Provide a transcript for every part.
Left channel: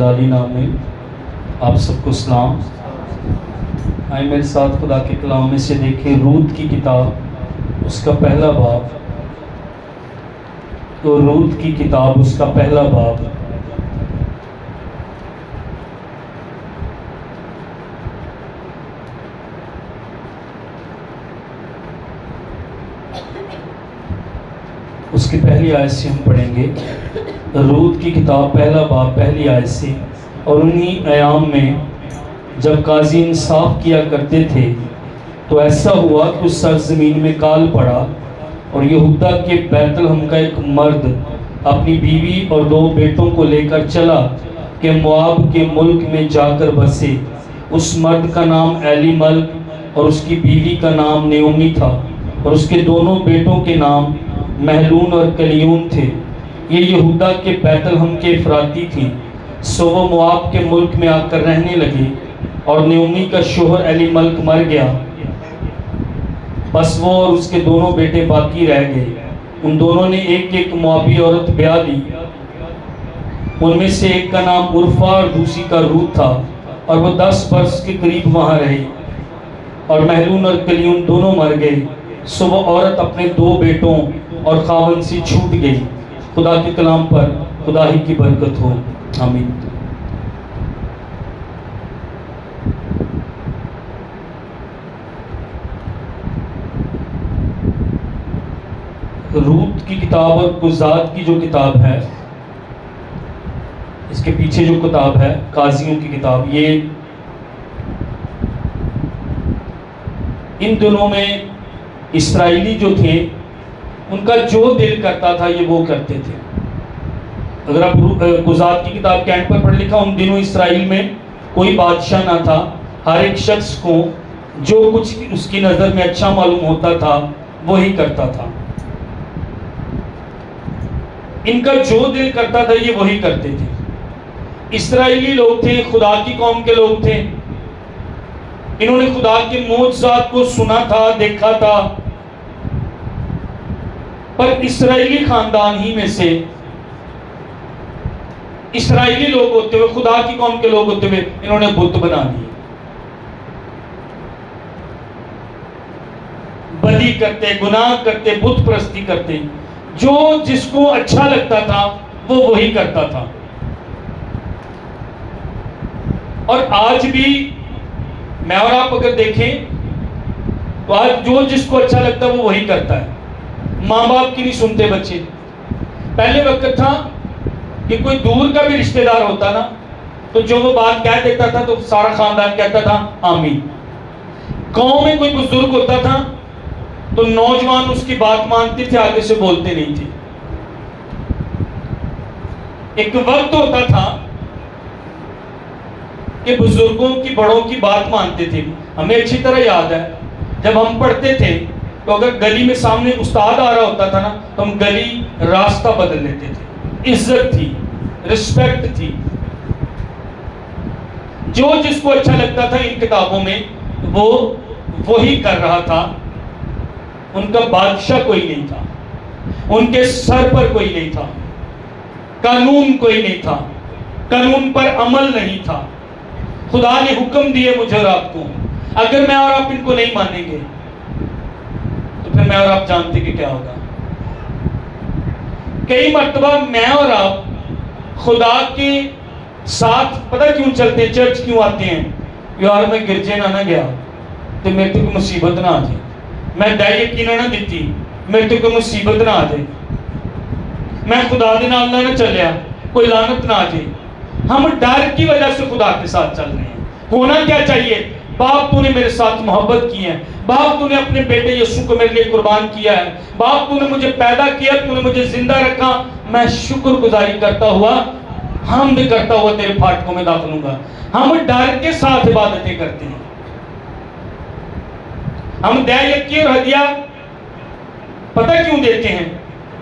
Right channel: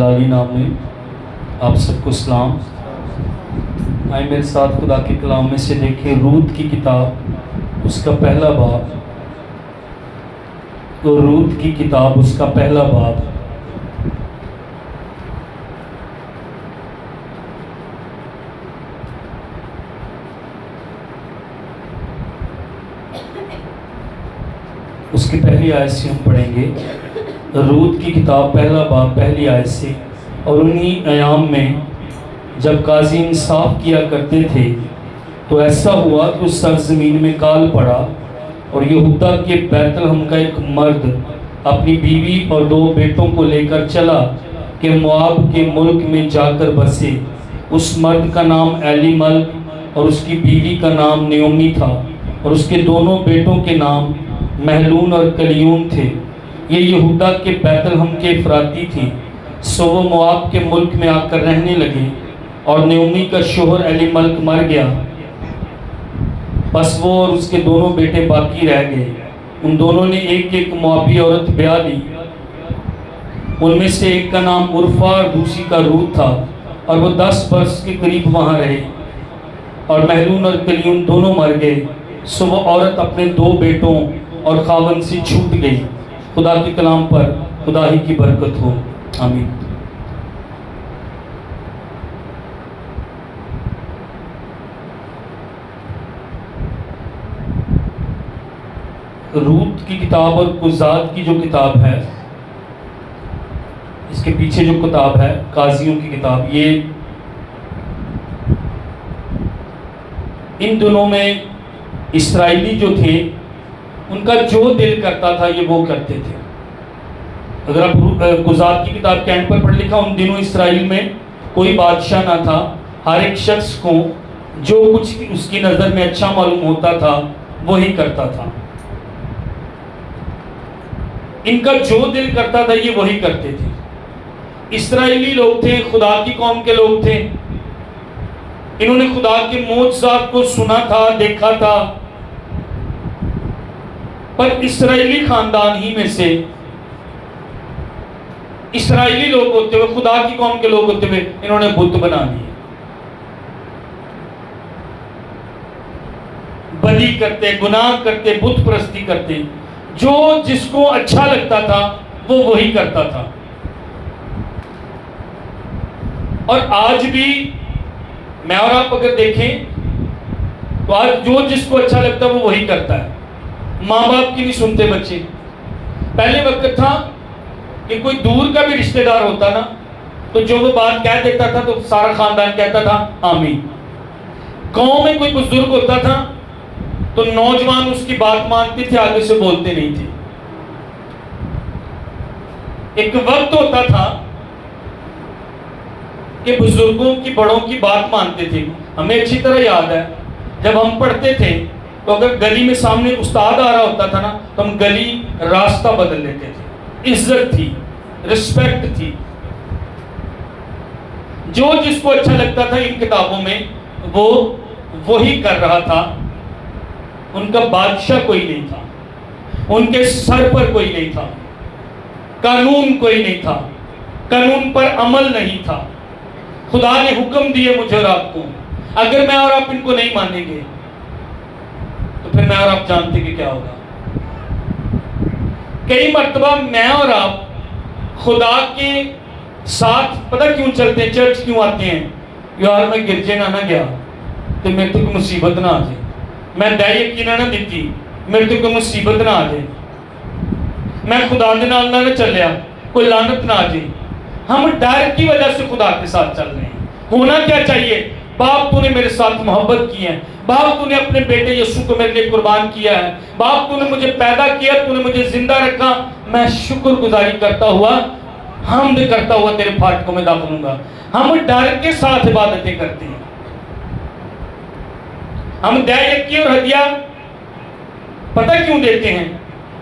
جلالی نام میں آپ سب کو سلام۔ آئے میرے ساتھ خدا کے کلام میں سے دیکھیں رود کی کتاب اس کا پہلا باب، تو رود کی کتاب اس کا پہلا باب۔ اس کی پہلی آیت سے ہم پڑھیں گے، رود کی کتاب پہلا باب پہلی آیت سے۔ اور انہی ایام میں جب قاضی انصاف کیا کرتے تھے تو ایسا ہوا کہ اس سرزمین میں کال پڑا، اور یہودا کے بیت لحم کا ایک مرد اپنی بیوی اور 2 بیٹوں کو لے کر چلا کہ مواب کے ملک میں جا کر بسے۔ اس مرد کا نام ایلی ملک اور اس کی بیوی کا نام نیومی تھا، اور اس کے دونوں بیٹوں کے نام محلون اور کلیون تھے۔ یہ یہودا کے بیت لحم کے افراطی تھیں، سو وہ مواب کے ملک میں آ کر رہنے لگے، اور نیومی کا شوہر ایلی ملک مر گیا، بس وہ اور اس کے دونوں بیٹے باقی رہ گئے۔ ان دونوں نے ایک ایک موابی عورت بیاہ لی، ان میں سے ایک کا نام عرفہ اور دوسری کا رود تھا، اور وہ 10 برس کے قریب وہاں رہے، اور محلون اور کلیون دونوں مر گئے، سو وہ عورت اپنے 2 بیٹوں اور خاوند سے چھوٹ گئی۔ خدا کے کلام پر خدا ہی کی برکت ہو، آمین۔ رود کی کتاب اور قضات کی جو کتاب ہے، اس کے پیچھے جو کتاب ہے قاضیوں کی کتاب، یہ ان دنوں میں اسرائیلی جو تھے ان کا جو دل کرتا تھا یہ وہ کرتے تھے۔ اگر آپ قضات کی کتاب کے اینڈ پر پڑھ لکھا، ان دنوں اسرائیل میں کوئی بادشاہ نہ تھا، ہر ایک شخص کو جو کچھ اس کی نظر میں اچھا معلوم ہوتا تھا وہی کرتا تھا۔ ان کا جو دل کرتا تھا یہ وہی کرتے تھے۔ اسرائیلی لوگ تھے، خدا کی قوم کے لوگ تھے، انہوں نے خدا کے معجزات کو سنا تھا، دیکھا تھا، پر اسرائیلی خاندان ہی میں سے اسرائیلی لوگ ہوتے ہوئے، خدا کی قوم کے لوگ ہوتے ہوئے انہوں نے بت بنا لیے، بدی کرتے، گناہ کرتے، بت پرستی کرتے، جو جس کو اچھا لگتا تھا وہ وہی کرتا تھا۔ اور آج بھی میں اور آپ اگر دیکھیں تو آج جو جس کو اچھا لگتا ہے وہ وہی کرتا ہے۔ ماں باپ کی نہیں سنتے بچے۔ پہلے وقت تھا کہ کوئی دور کا بھی رشتہ دار ہوتا نا تو جو وہ بات کہہ دیتا تھا تو سارا خاندان کہتا تھا آمین۔ گاؤں میں کوئی بزرگ ہوتا تھا تو نوجوان اس کی بات مانتے تھے، آگے سے بولتے نہیں تھے۔ ایک وقت ہوتا تھا کہ بزرگوں کی، بڑوں کی بات مانتے تھے۔ ہمیں اچھی طرح یاد ہے جب ہم پڑھتے تھے تو اگر گلی میں سامنے استاد آ رہا ہوتا تھا نا تو ہم گلی راستہ بدل لیتے تھے۔ عزت تھی، رسپیکٹ تھی۔ جو جس کو اچھا لگتا تھا ان کتابوں میں وہ وہی کر رہا تھا۔ ان کا بادشاہ کوئی نہیں تھا، ان کے سر پر کوئی نہیں تھا، قانون کوئی نہیں تھا، قانون پر عمل نہیں تھا۔ خدا نے حکم دیے مجھے اور آپ کو، اگر میں اور آپ ان کو نہیں مانیں گے تو پھر میں اور آپ جانتے کہ کیا ہوگا۔ کئی مرتبہ میں اور آپ خدا کے ساتھ پتہ کیوں چلتے ہیں، چرچ کیوں آتے ہیں؟ یار میں گرجے نہ گیا تو میرے تو کوئی مصیبت نہ آ جائے، میں دے یقینہ نہ دیتی میرے تو کوئی مصیبت نہ آ جائے، میں خدا دے نال نہ چلیا کوئی لعنت نہ آ جائے۔ ہم ڈر کی وجہ سے خدا کے ساتھ چل رہے ہیں۔ ہونا کیا چاہیے؟ باپ تو نے میرے ساتھ محبت کی ہے، باپ تو نے اپنے بیٹے یسوع کو میرے لیے قربان کیا ہے، باپ تو نے مجھے پیدا کیا، تو نے مجھے زندہ رکھا، میں شکر گزاری کرتا ہوا، حمد کرتا ہوا تیرے پھاٹکوں میں داخل ہوں گا۔ ہم ڈر کے ساتھ عبادتیں کرتے ہیں۔ ہم دے یقین اور ہدیہ پتہ کیوں دیتے ہیں؟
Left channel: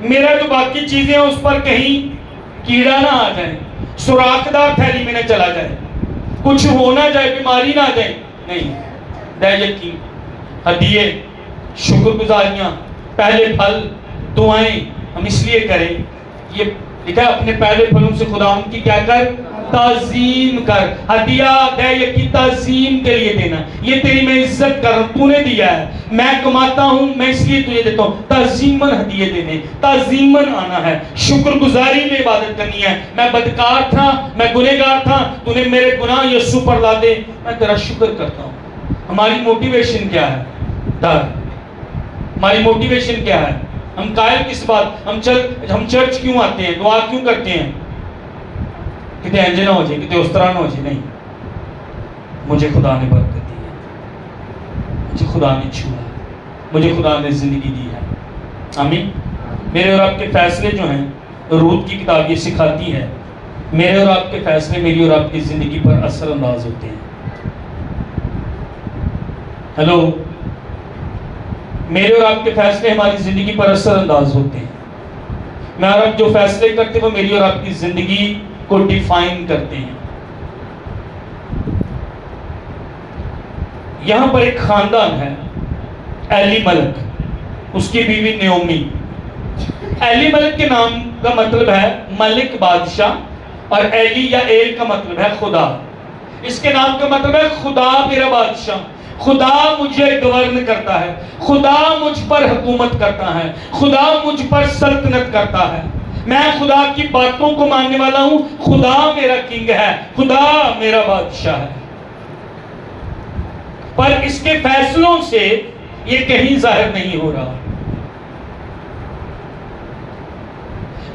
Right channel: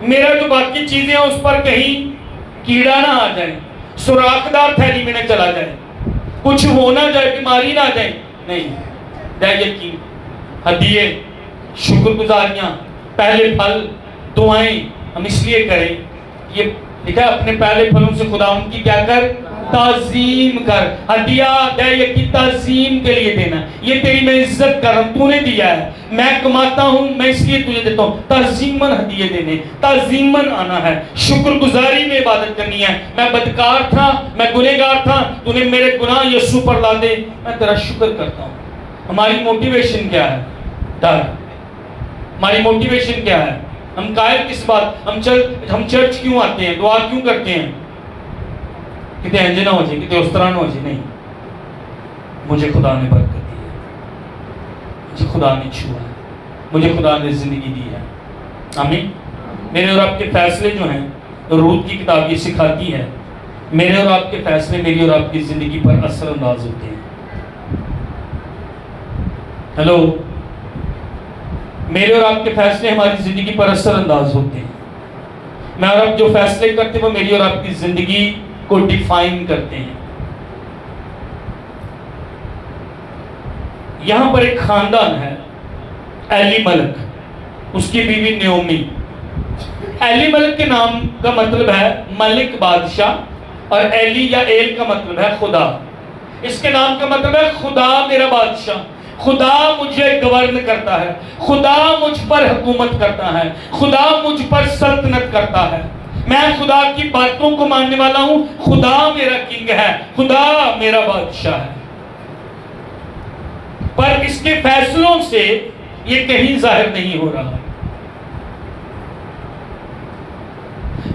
میرا جو باقی چیزیں ہیں اس پر کہیں کیڑا نہ آ جائے، سوراخدار تھیلی میں نہ چلا جائے، کچھ ہو نہ جائے، بیماری نہ آ جائے۔ نہیں، دے یقین، ہدیے، شکر گزاریاں، پہلے پھل، دعائیں ہم اس لیے کریں، یہ لکھا اپنے پہلے پھلوں سے خدا ان کی کیا کر، تعظیم کر. ہدیہ دے کی تعظیم کے لیے دینا. یہ تیری میں عزت کر رہا ہوں, تو نے دیا ہے, میں کماتا ہوں, میں اس لیے تجھے دیتا ہوں. تعظیماً ہدیے دینے, تعظیماً آنا ہے, شکر گزاری میں عبادت کرنی ہے. میں بدکار تھا, میں گنہگار تھا, تو نے میرے گناہ یسوع پر لا دے, میں تیرا شکر کرتا ہوں. ہماری موٹیویشن کیا ہے؟ ڈر. ہماری موٹیویشن کیا ہے؟ ہم قائل کس بات؟ ہم چرچ کیوں آتے ہیں, دعا کیوں کرتے ہیں؟ کتے انجے نہ ہو جائے, کتے اس طرح نہ ہو جائے. نہیں, مجھے خدا نے برکت دی ہے, مجھے خدا نے چھوا ہے, مجھے خدا نے زندگی دی ہے. آمین. میرے اور آپ کے فیصلے جو ہیں, روت کی کتاب یہ سکھاتی ہے, میرے اور آپ کے فیصلے میری اور آپ کی زندگی پر اثر انداز ہوتے ہیں. ہیلو, میرے اور آپ کے فیصلے ہماری زندگی پر اثر انداز ہوتے ہیں. میں اور آپ جو فیصلے کرتے ہیں وہ میری اور آپ کی زندگی کو ڈیفائن کرتے ہیں. یہاں پر ایک خاندان ہے, ایلی ملک, اس کی بیوی نیومی. ایلی ملک کے نام کا مطلب ہے ملک بادشاہ, اور ایلی یا ایل کا مطلب ہے خدا. اس کے نام کا مطلب ہے خدا میرا بادشاہ, خدا مجھے گورن کرتا ہے, خدا مجھ پر حکومت کرتا ہے, خدا مجھ پر سلطنت کرتا ہے. میں خدا کی باتوں کو ماننے والا ہوں, خدا میرا کنگ ہے, خدا میرا بادشاہ ہے. پر اس کے فیصلوں سے یہ کہیں ظاہر نہیں ہو رہا.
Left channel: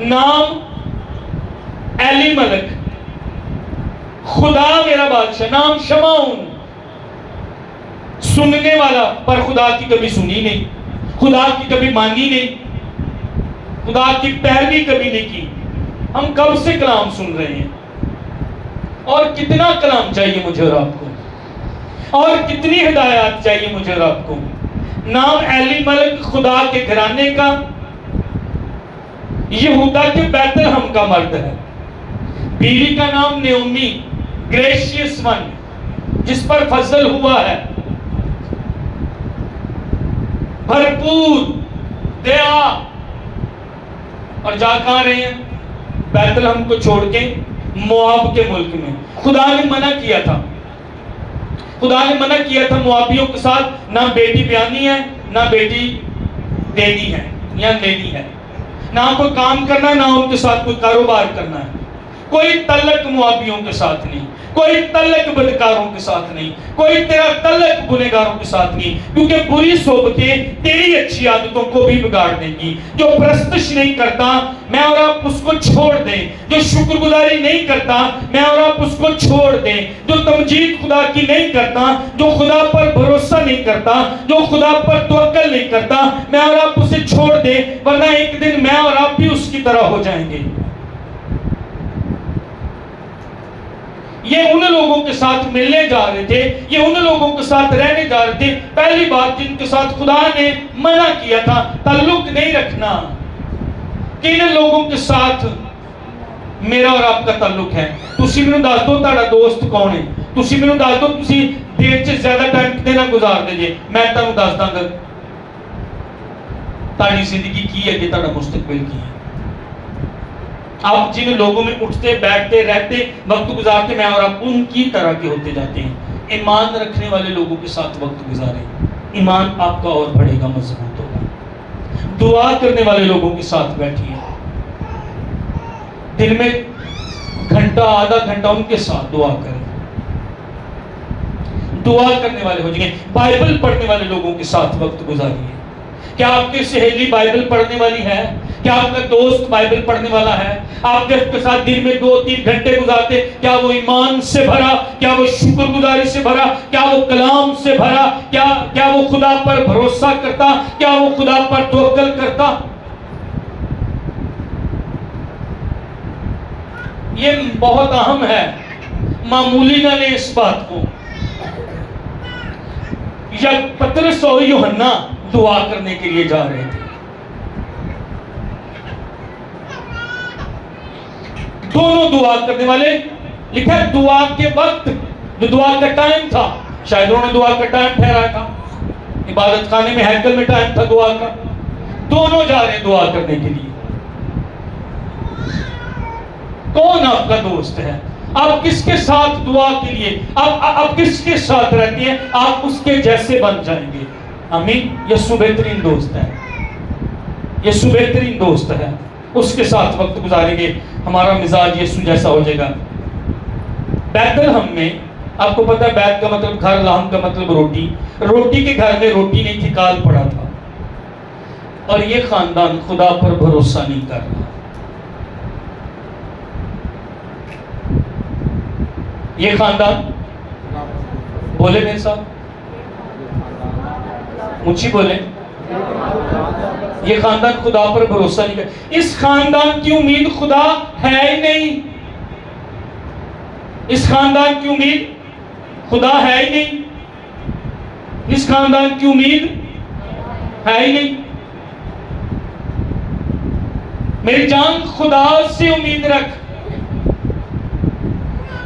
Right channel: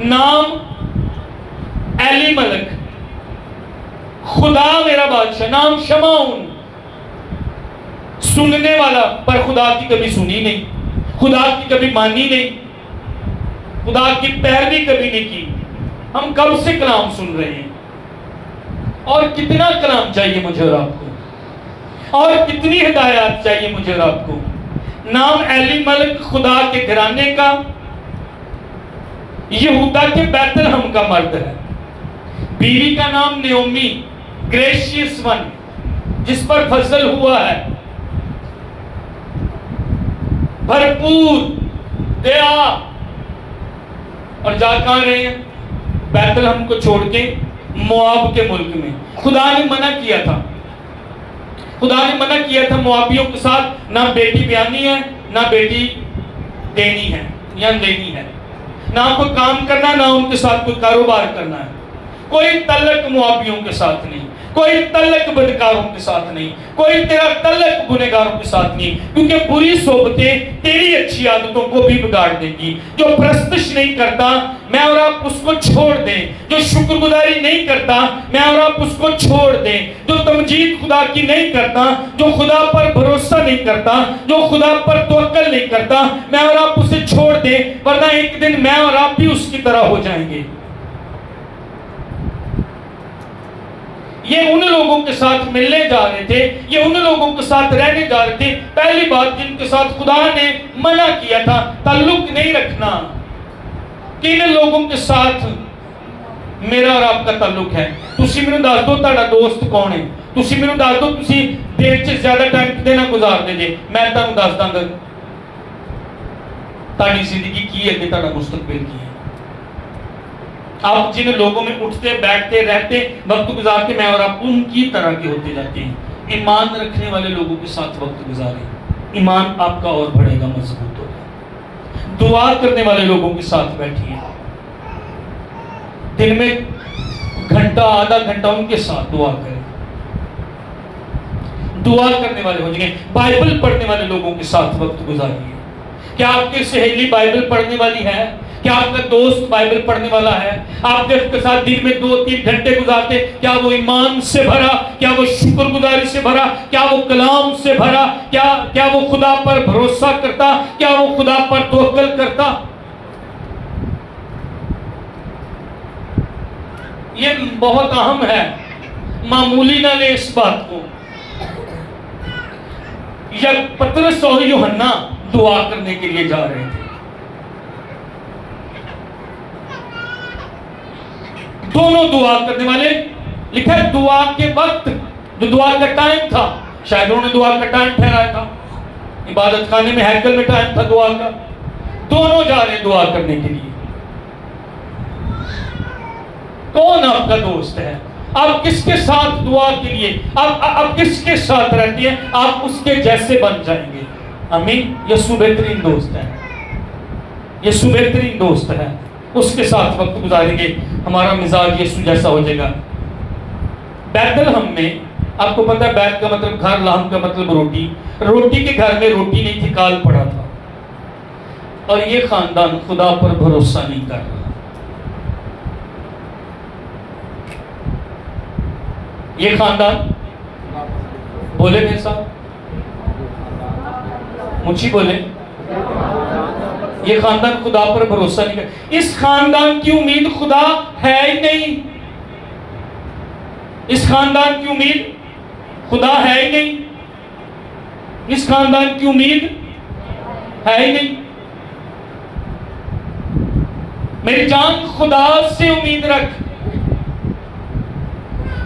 نام ایلی ملک, خدا میرا بادشاہ, نام شمعون, سننے والا, پر خدا کی کبھی سنی نہیں, خدا کی کبھی مانی نہیں, خدا کی پیروی کبھی نہیں کی. ہم کب سے کلام سن رہے ہیں, اور کتنا کلام چاہیے مجھے اور آپ کو, اور کتنی ہدایات چاہیے مجھے اور آپ کو. نام ایلی ملک, خدا کے گھرانے کا, یہودا کے بیت لحم کا مرد ہے. بیوی کا نام نیومی, گریشیس ون, جس پر فضل ہوا ہے, بھرپور, دیا. اور جا کہاں رہے ہیں؟ بیت لحم کو چھوڑ کے مواب کے ملک میں. خدا نے منع کیا تھا, خدا نے منع کیا تھا موابیوں کے ساتھ, نہ بیٹی بیانی ہے, نہ بیٹی دینی ہے یا لینی ہے, نہ کوئی کام کرنا, نہ ان کے ساتھ کوئی کاروبار کرنا ہے. کوئی تعلق موابیوں کے ساتھ نہیں, کوئی تعلق بدکاروں کے ساتھ نہیں, کوئی تیرا تعلق گنہگاروں کے ساتھ نہیں, کیونکہ بری صحبتیں تیری اچھی عادتوں کو بھی بگاڑ دیں گی. جو پرستش نہیں کرتا, میں اور آپ اس کو چھوڑ دیں. جو شکر گزاری نہیں کرتا, میں اور آپ اس کو چھوڑ دیں. جو تمجید خدا کی نہیں کرتا, جو خدا پر بھروسہ نہیں کرتا, جو خدا پر توکل نہیں کرتا, میں اور آپ اسے چھوڑ دیں, ورنہ ایک دن میں اور آپ بھی اس کی طرح ہو جائیں گے. یہ ان لوگوں کے ساتھ ملنے جا رہے تھے, یہ ان لوگوں کے ساتھ رہنے جا رہے تھے. پہلی بات جن کے ساتھ خدا نے منع کیا تھا, تعلق نہیں رکھنا. کن لوگوں کے ساتھ میرا اور آپ کا تعلق ہے؟ تسی مینوں دس دو تہاڈا دوست کون ہے, تسی مینوں دس دو تسی دن چ زیادہ ٹائم کتے نہ گزار دے جے, میں تانوں دس داں گا تہاڈی زندگی کی ہے کہ تہاڈا مستقبل کی ہے. آپ جن لوگوں میں اٹھتے بیٹھتے رہتے وقت گزارتے, میں اور آپ ان کی طرح کے ہوتے جاتے ہیں. ایمان رکھنے والے لوگوں کے ساتھ وقت گزاریں, ایمان آپ کا اور بڑھے گا, مضبوط ہوگا. دعا کرنے والے لوگوں کے ساتھ بیٹھیے, دن میں گھنٹہ آدھا گھنٹہ ان کے ساتھ دعا کریں. دعا کرنے والے ہو جائیں. بائبل پڑھنے والے لوگوں کے ساتھ وقت گزاریے. کیا آپ کی سہیلی بائبل پڑھنے والی ہے؟ کیا آپ کا دوست بائبل پڑھنے والا ہے؟ آپ جب کے ساتھ دن میں 2-3 گھنٹے گزارتے, کیا وہ ایمان سے بھرا, کیا وہ شکر گزاری سے بھرا, کیا وہ کلام سے بھرا, کیا وہ خدا پر بھروسہ کرتا, کیا وہ خدا پر توکل کرتا؟ یہ بہت اہم ہے, معمولی نہ لیں اس بات کو. یا پترس اور یوحنا دعا کرنے کے لیے جا رہے تھے, دونوں دعا کرنے والے. لکھا ہے دعا کے وقت, جو دعا کا ٹائم تھا, شاید انہوں نے دعا کا ٹائم ٹھہرایا تھا, عبادت خانے میں ہیکل میں ٹائم تھا دعا کا, دونوں جا رہے ہیں دعا کرنے کے لیے. کون آپ کا دوست ہے؟ آپ کس کے ساتھ دعا کے لیے آپ کس کے ساتھ رہتے ہیں آپ اس کے جیسے بن جائیں گے. آمین. یسوع بہترین دوست ہے, یسوع بہترین دوست ہے, اس کے ساتھ وقت گزاریں گے, ہمارا مزاج یسوع جیسا ہو جائے گا. بیت الہم میں آپ کو پتہ ہے بیت کا مطلب گھر, لحم کا مطلب روٹی. روٹی کے گھر میں روٹی نہیں تھی, کال پڑا تھا. اور یہ خاندان خدا پر بھروسہ نہیں کر رہا. یہ خاندان بولے میرے صاحب, مجھے بولے, یہ خاندان خدا پر بھروسہ نہیں کر. اس خاندان کی امید خدا ہے ہی نہیں. اس خاندان کی امید خدا ہے ہی نہیں. اس خاندان کی امید ہے ہی نہیں. میری جان خدا سے امید رکھ.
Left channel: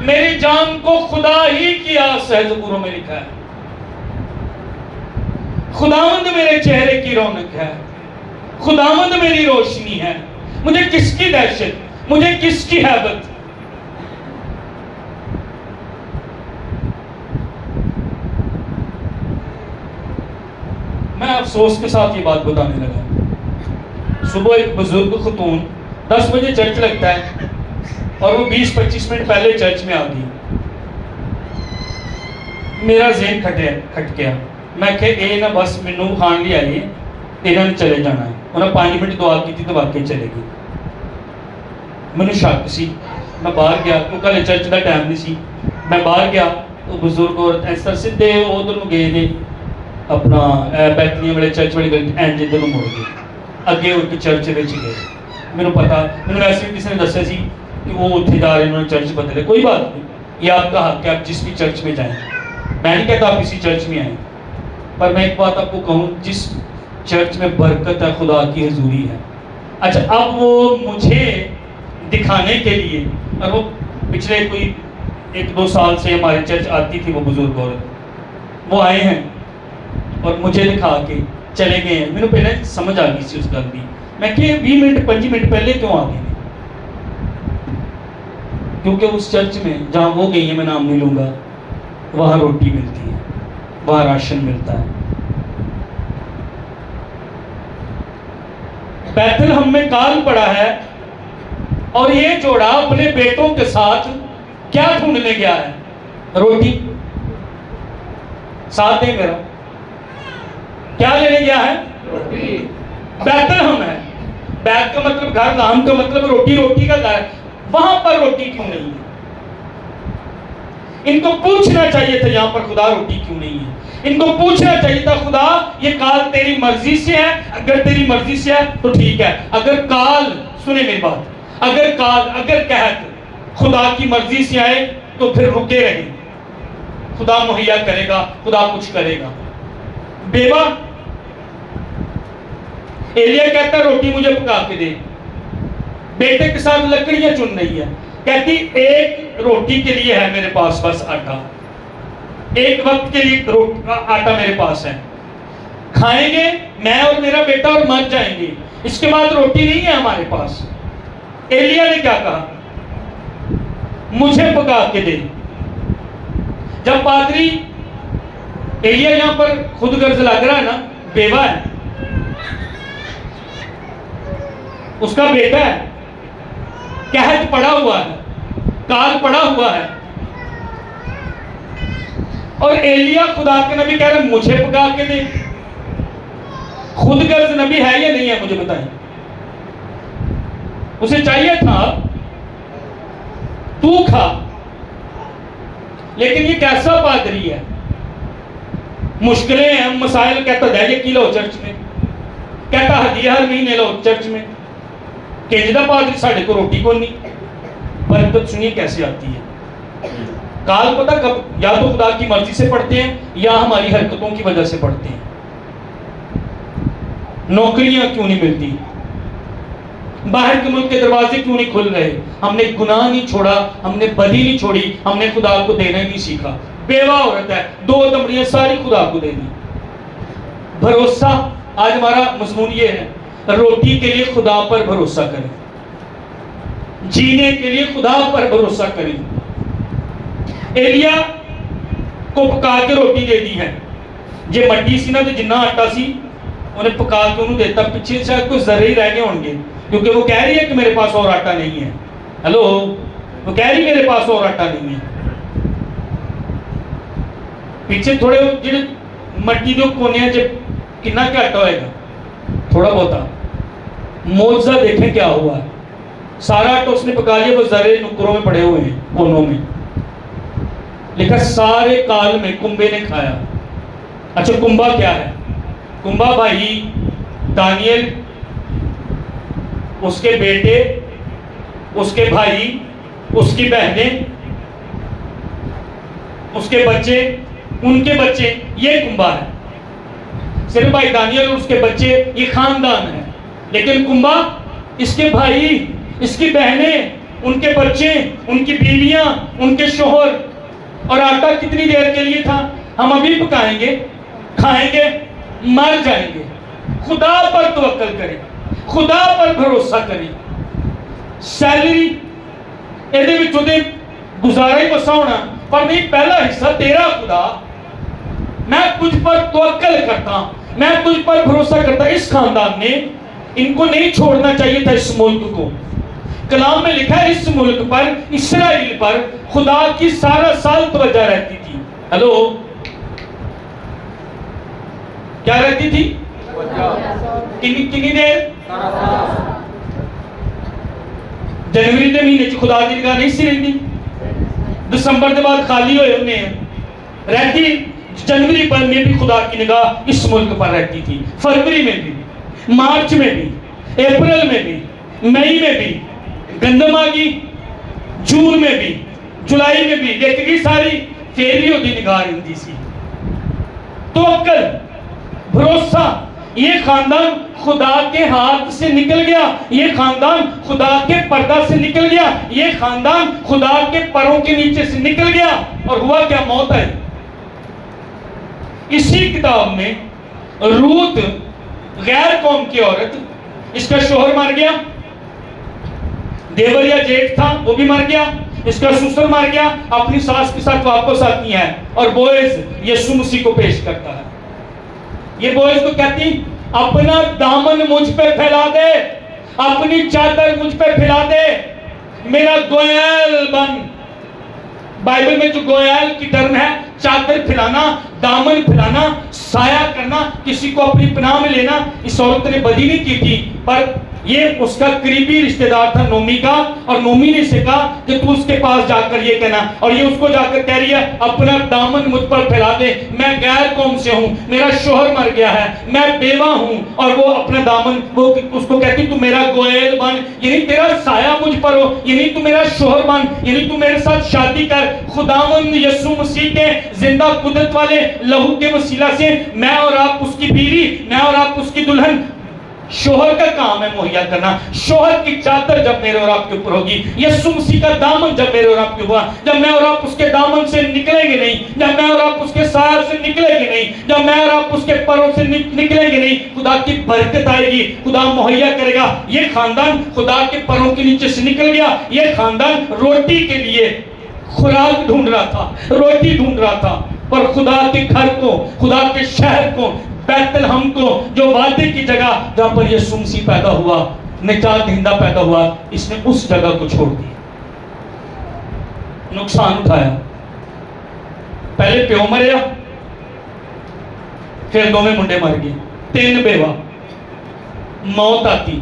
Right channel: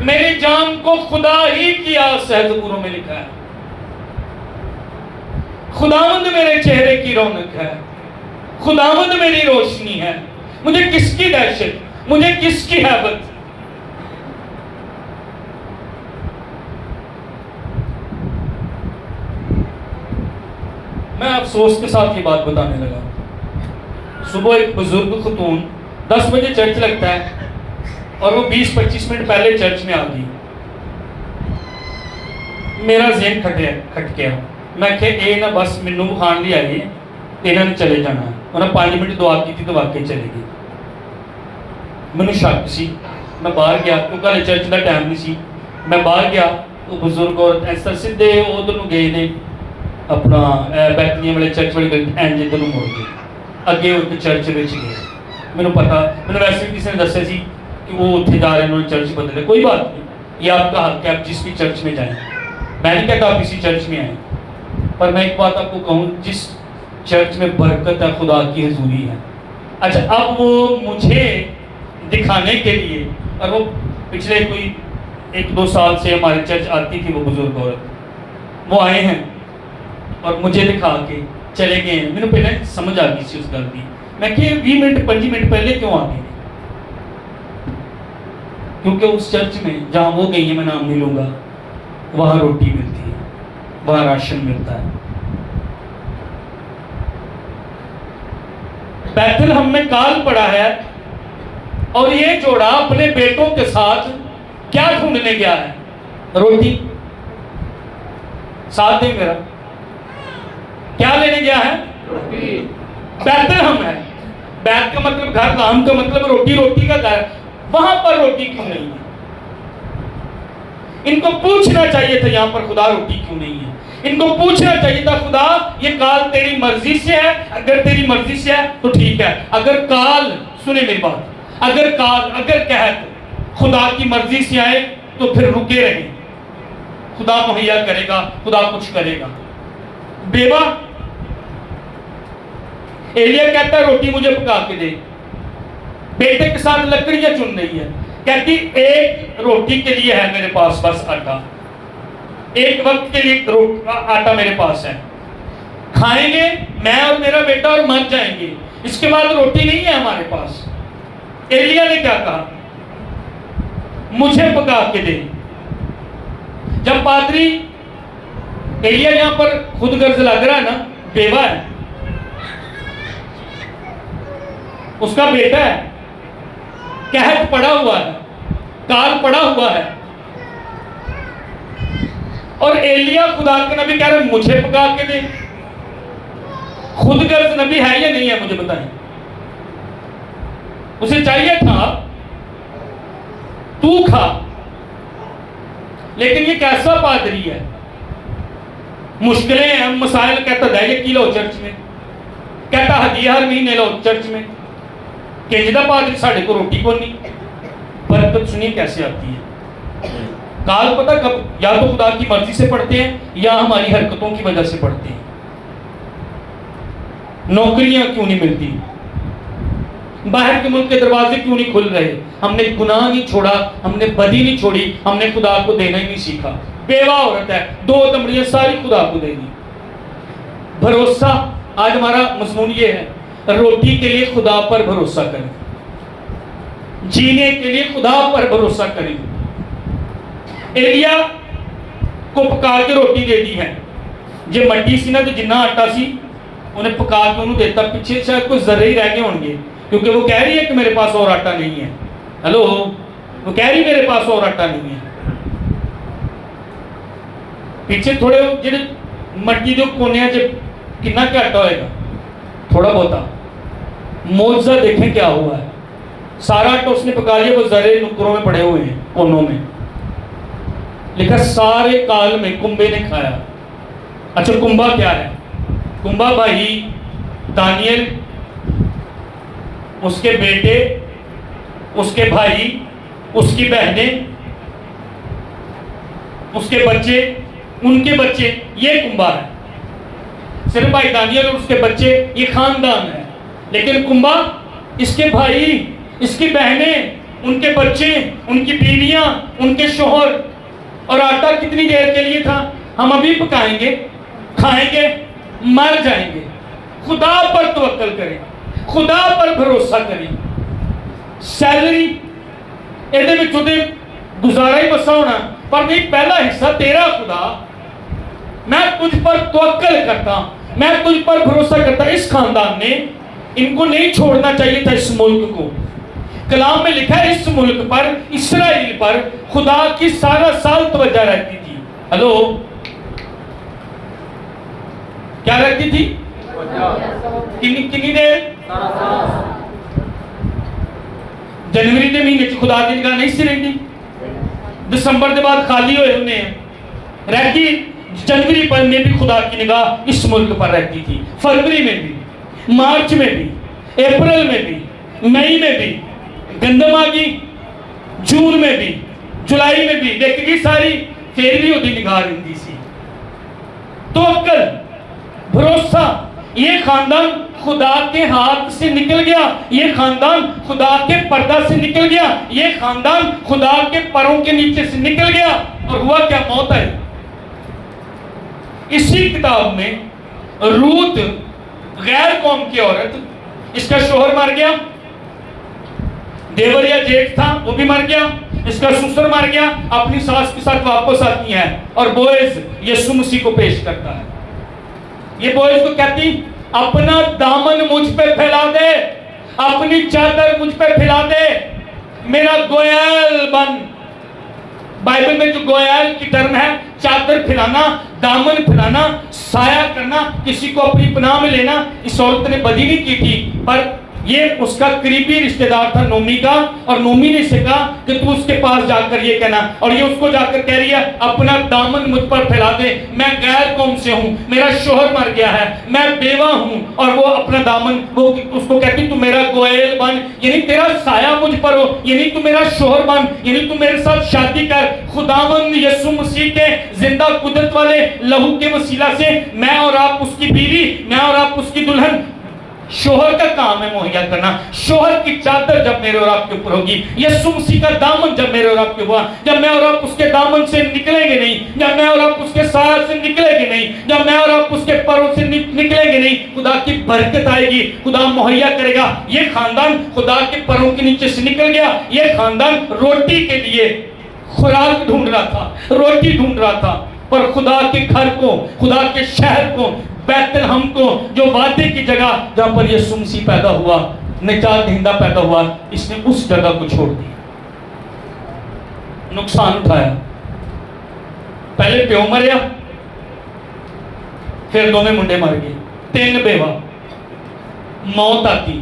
میری جان کو خدا ہی کی آس ہے. زبوروں میں لکھا ہے خداوند میرے چہرے کی رونق ہے, خداوند میری روشنی ہے. مجھے کس کی دہشت, مجھے کس کی ہیبت. میں افسوس کے ساتھ یہ بات بتانے لگا. صبح ایک بزرگ خاتون 10 بجے چرچ لگتا ہے اور وہ 20-25 منٹ پہلے چرچ میں آ گئی. میرا ذہن کھٹ گیا. میں کہ اے نا بس مینوں کھان لی آئی ہے, انہوں نے چلے جانا ہے. انہوں نے 5 منٹ دعا کی تھی تو واقعی چلے گئی. مینوں شک سی, میں باہر گیا کیونکہ ہلے چرچ کا ٹائم نہیں سی. میں باہر گیا, وہ بزرگ اور ایسا سیدھے ادھر گئے نے اپنا بیتنی والے چرچ والی گلی اینج ادھر مڑ گئے, اگے ان کے چرچ وچ گئے. مینوں پتا, مینوں ویسے بھی کسی نے دسیا سی کہ وہ اتنے جا رہے ہیں, انہوں نے چرچ بدلے. کوئی بات نہیں, یہ آپ کا حق ہے, آپ جس بھی چرچ میں جائیں. میں نہیں کہتا آپ اسی چرچ میں آئیں, پر میں ایک بات آپ کو کہوں, جس چرچ میں برکت ہے خدا کی حضوری ہے. اچھا اب وہ مجھے دکھانے کے لیے, اور وہ پچھلے کوئی 1-2 سال سے ہمارے چرچ آتی تھی وہ بزرگ عورت, وہ آئے ہیں اور مجھے دکھا کے چلے گئے ہیں. میرے پہلے سمجھ آ گئی سی اس گل کی. میں کہ 20 منٹ 25 منٹ پہلے کیوں آ گئے, کیونکہ اس چرچ میں جہاں وہ گئی ہیں, میں نام نہیں لوں گا, وہاں روٹی ملتی ہے, وہاں راشن ملتا ہے. بیت الہم میں کال پڑا ہے اور یہ جوڑا اپنے بیٹوں کے ساتھ کیا ڈھونڈنے گیا ہے؟ روٹی. ساتھ دیں میرا, کیا لینے گیا ہے؟ روٹی. بیت الہم ہے, بیت کا مطلب گھر, لحم کا مطلب روٹی, روٹی کا گھر. وہاں پر روٹی کیوں نہیں ہے؟ ان کو پوچھنا چاہیے تھا یہاں پر خدا روٹی کیوں نہیں ہے. ان کو پوچھنا چاہیے تھا خدا یہ کال تیری مرضی سے ہے, اگر تیری مرضی سے ہے تو ٹھیک ہے. اگر کال, سنیں میری بات, اگر کال, اگر قحط خدا کی مرضی سے آئے تو پھر رکے رہیں, خدا مہیا کرے گا, خدا کچھ کرے گا. بیوہ ایلیا کہتا ہے روٹی مجھے پکا کے دے. بیٹے کے ساتھ لکڑیاں چن رہی ہے, کہتی ایک روٹی کے لیے ہے میرے پاس بس آٹا, ایک وقت کے لیے آٹا میرے پاس ہے, کھائیں گے میں اور میرا بیٹا اور مر جائیں گے, اس کے بعد روٹی نہیں ہے ہمارے پاس. ایلیا نے کیا کہا؟ مجھے پکا کے دے. جب پادری ایلیا یہاں پر خود غرض لگ رہا ہے نا, بیوہ ہے, اس کا بیٹا ہے, قحط پڑا ہوا ہے, کال پڑا ہوا ہے, اور ایلیا خدا کے نبی کہہ رہا ہے مجھے پکا کے دے. خود غرض نبی ہے یا نہیں ہے مجھے بتائیں. اسے چاہیے تھا تو کھا, لیکن یہ کیسا پادری ہے, مشکلیں ہیں, مسائل, کہتا دہیے کی لو چرچ میں, کہتا ہدیہ ہر مہینے لو چرچ میں. کینجدہ پادری ساڑھے کو روٹی کو نہیں. برکت سنیے کیسے آتی ہے. کال پتہ کب, یا تو خدا کی مرضی سے پڑھتے ہیں یا ہماری حرکتوں کی وجہ سے پڑھتے ہیں. نوکریاں کیوں نہیں ملتی, باہر کے ملک کے دروازے کیوں نہیں کھل رہے, ہم نے گناہ نہیں چھوڑا, ہم نے بدی نہیں چھوڑی, ہم نے خدا کو دینا ہی نہیں سیکھا. بیوہ عورت ہے, 2 دمڑیاں ساری خدا کو دے دی. بھروسہ, آج ہمارا مضمون یہ ہے, روٹی کے لیے خدا پر بھروسہ کریں, جینے کے لیے خدا پر بھروسہ کریں. ایلیا کو پکا کے روٹی دے دی ہے. جی مٹی سی نا تو جنہ آٹا سی انہیں پکا کے انہوں دیتا, پیچھے شاید کوئی ذرے ہی رہ گئے ہوں گے, کیونکہ وہ کہہ رہی ہے کہ میرے پاس اور آٹا نہیں ہے. ہلو, وہ کہہ رہی میرے پاس اور آٹا نہیں ہے. پیچھے تھوڑے جڑے مٹی دے کونے جب کنا کیا آٹا ہوئے گا, تھوڑا بہتا. معجزہ دیکھیں کیا ہوا ہے. سارا آٹا اس نے پکا لیا, وہ ذرے نکروں میں پڑے ہوئے ہیں کونوں میں. لکھا سارے کال میں کنبے نے کھایا. اچھا کنبا کیا ہے؟ کنبا بھائی دانیل, اس کے بیٹے, اس کے بھائی, اس کی بہنیں, اس کے بچے, ان کے بچے, یہ کنبا ہے. صرف بھائی دانیل اور اس کے بچے, یہ خاندان ہے. لیکن کنبا اس کے بھائی, اس کی بہنیں, ان کے بچے, ان کی بیویاں, ان کے شوہر. اور آٹا کتنی دیر کے لیے تھا؟ ہم ابھی پکائیں گے, کھائیں گے, مر جائیں گے. خدا پر توکل کریں, خدا پر بھروسہ کریں. سیلری ایدے بھی چودے گزارا ہی بسا ہونا, پر نہیں پہلا حصہ تیرا خدا, میں تجھ پر توکل کرتا, میں تجھ پر بھروسہ کرتا. اس خاندان نے ان کو نہیں چھوڑنا چاہیے تھا اس ملک کو. کلام میں لکھا ہے اس ملک پر, اسرائیل پر خدا کی سارا سال توجہ رہتی تھی. ہلو, کیا رہتی تھی؟ کنی دیر؟ جنوری دے مہینے چ خدا دی نگاہ نہیں سی رہندی. دسمبر دے بعد خالی ہوئے انہیں رہتی. جنوری پر میں بھی خدا کی نگاہ اس ملک پر رہتی تھی. فروری میں بھی, مارچ میں بھی, اپریل میں بھی, مئی میں بھی, گندم آگی, جون میں بھی, جولائی میں بھی, دیکھ گی ساری. پھر بھی ہوتی نگاہ رہندی سی. توکل, بھروسہ. یہ خاندان خدا کے ہاتھ سے نکل گیا, یہ خاندان خدا کے پردہ سے نکل گیا, یہ خاندان خدا کے پروں کے نیچے سے نکل گیا. اور ہوا کیا؟ موت ہے. اسی کتاب میں روت غیر قوم کی عورت, اس کا شوہر مر گیا, دیور یا جیٹھ تھا وہ بھی مر گیا, اس کا سسر مر گیا, اپنی ساس کے ساتھ واپس آتی ہے, اور بوئز یسوع مسیح کو پیش کرتا ہے. یہ بوئز کو کہتی اپنا دامن مجھ پہ پھیلا دے, اپنی چادر مجھ پہ پھیلا دے, میرا گویل بن. بائبل میں جو گویل کی ٹرم ہے, چادر پھیلانا, دامن پھیلانا, سایہ کرنا, کسی کو اپنی پناہ میں لینا. اس عورت نے بدی نہیں کی تھی, پر یہ اس کا قریبی رشتہ دار تھا نومی کا, اور نومی نے اسے کہا کہ تو اس کے پاس جا کر یہ کہنا. اور یہ اس کو جا کر کہہ رہی ہے اپنا دامن مجھ پر پھیلا دے, میں غیر قوم سے ہوں, میرا شوہر مر گیا ہے, میں بیوہ ہوں. اور وہ اپنا دامن, وہ اس کو کہتی تو میرا گویل بن, یعنی تیرا سایہ مجھ پر ہو, یعنی تو میرا شوہر بن, یعنی تو میرے ساتھ شادی کر. خداوند یسوع مسیح کے زندہ قدرت والے لہو کے وسیلہ سے میں اور آپ اس کی بیوی, میں اور آپ اس کی دلہن. شوہر کا کام ہے مہیا کرنا. شوہر کی چادر جب میرے اور آپ کے اوپر ہوگی, یسوع مسیح کا دامن جب میرے اور آپ کے ہوا, جب میں اور آپ اس کے دامن سے نکلیں گے نہیں, جب میں اور آپ اس کے سایہ سے نکلیں گے نہیں, جب میں اور آپ اس کے پروں سے نکلیں گے نہیں, خدا کی برکت آئے گی, خدا مہیا کرے گا. یہ خاندان خدا کے پروں کے نیچے سے نکل گیا. یہ خاندان روٹی کے لیے خوراک ڈھونڈ رہا تھا, روٹی ڈھونڈ رہا تھا, پر خدا کے گھر کو, خدا کے شہر کو, بیت الحم کو, جو وعدے کی جگہ جہاں پر یسوع مسیح پیدا ہوا, نجات دہندہ پیدا ہوا, اس نے اس جگہ کو چھوڑ دیا, نقصان اٹھایا. پہلے پیو مریا, پھر دو میں منڈے مر گئے, 3 بیوہ. موت آتی,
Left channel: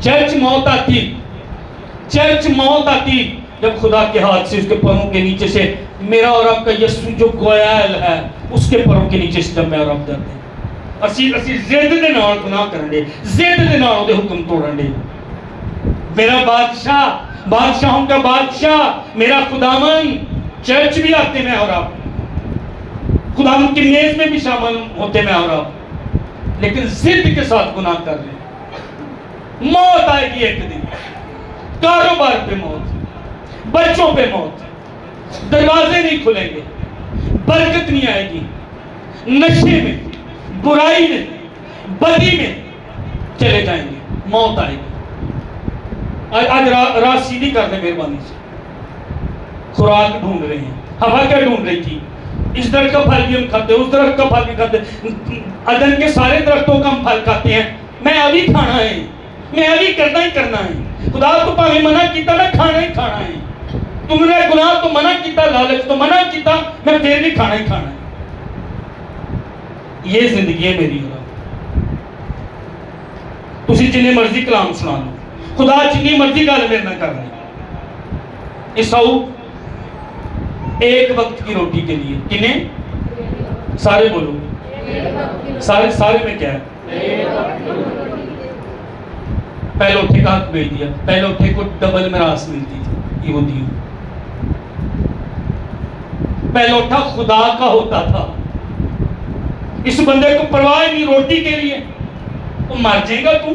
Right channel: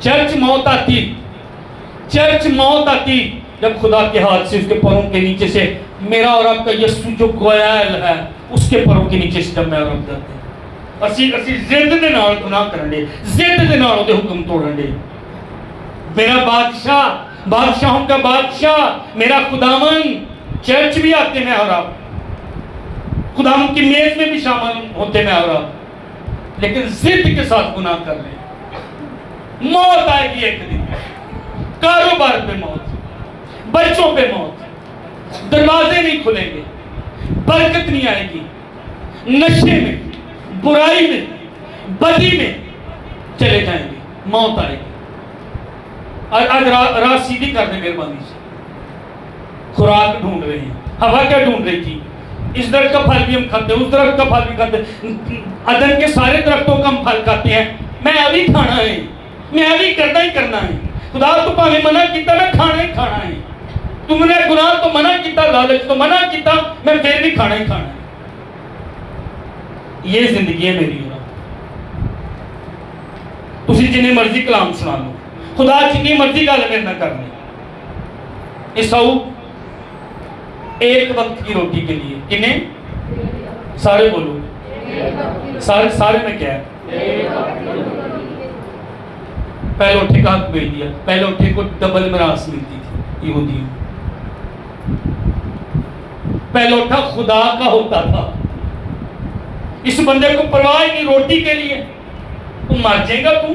چرچ موت آتی, چرچ موت آتی جب خدا کے ہاتھ سے, اس کے پروں کے نیچے سے میرا اور آپ کا یسوع جو گویل ہے, اس کے پروں کے نیچے سے جب میں اور آپ جاتے ہیں. اسی زد دے نال گناہ کرن دے, زد دے نال دے حکم توڑن دے. میرا بادشاہ, بادشاہوں کا بادشاہ, میرا خداوند. چرچ بھی آتے میں اور آپ, خداوند کی میز میں بھی شامل ہوتے میں اور آپ, لیکن زد کے ساتھ گناہ کر رہے. موت آئے گی ایک دن, کاروبار پہ موت, بچوں پہ موت, دروازے نہیں کھلیں گے, برکت نہیں آئے گی, نشے میں, برائی میں, بدی میں چلے جائیں گے, موت آئے گی. آج راہ سیدھی کر دیں مہربانی سے. خوراک ڈھونڈ رہے ہیں. ہوا کیا ڈھونڈ رہی تھی؟ اس درخت کا پھل بھی ہم کھاتے ہیں, اس درخت کا پھل بھی کھاتے ہیں, عدن کے سارے درختوں کا ہم پھل کھاتے ہیں. میں ابھی کھانا ہے, میں ابھی کرنا ہی کرنا ہے. خدا تو پاوے منع کیتا میں کھانا ہی کھانا ہے. تم نے گناہ تو منع کیتا, لالچ تو منع کیتا, میں پھر بھی کھانا ہی کھانا ہے. یہ زندگی ہے میری. تسی جنہیں مرضی کلام سنا لو, خدا جنہیں مرضی گل میرے نہ کرنا. عیساؤ ایک وقت کی روٹی کے لیے کنہیں سارے بولو, سارے میں کیا ہے؟ پہلے اٹھے کا حق بھیج دیا. پہلے اٹھے کو ڈبل میراث ملتی تھی یہودیوں. پہلے اٹھا خدا کا ہوتا تھا. اس بندے کو پرواہ نہیں روٹی کے لیے. تو مر جائے گا تو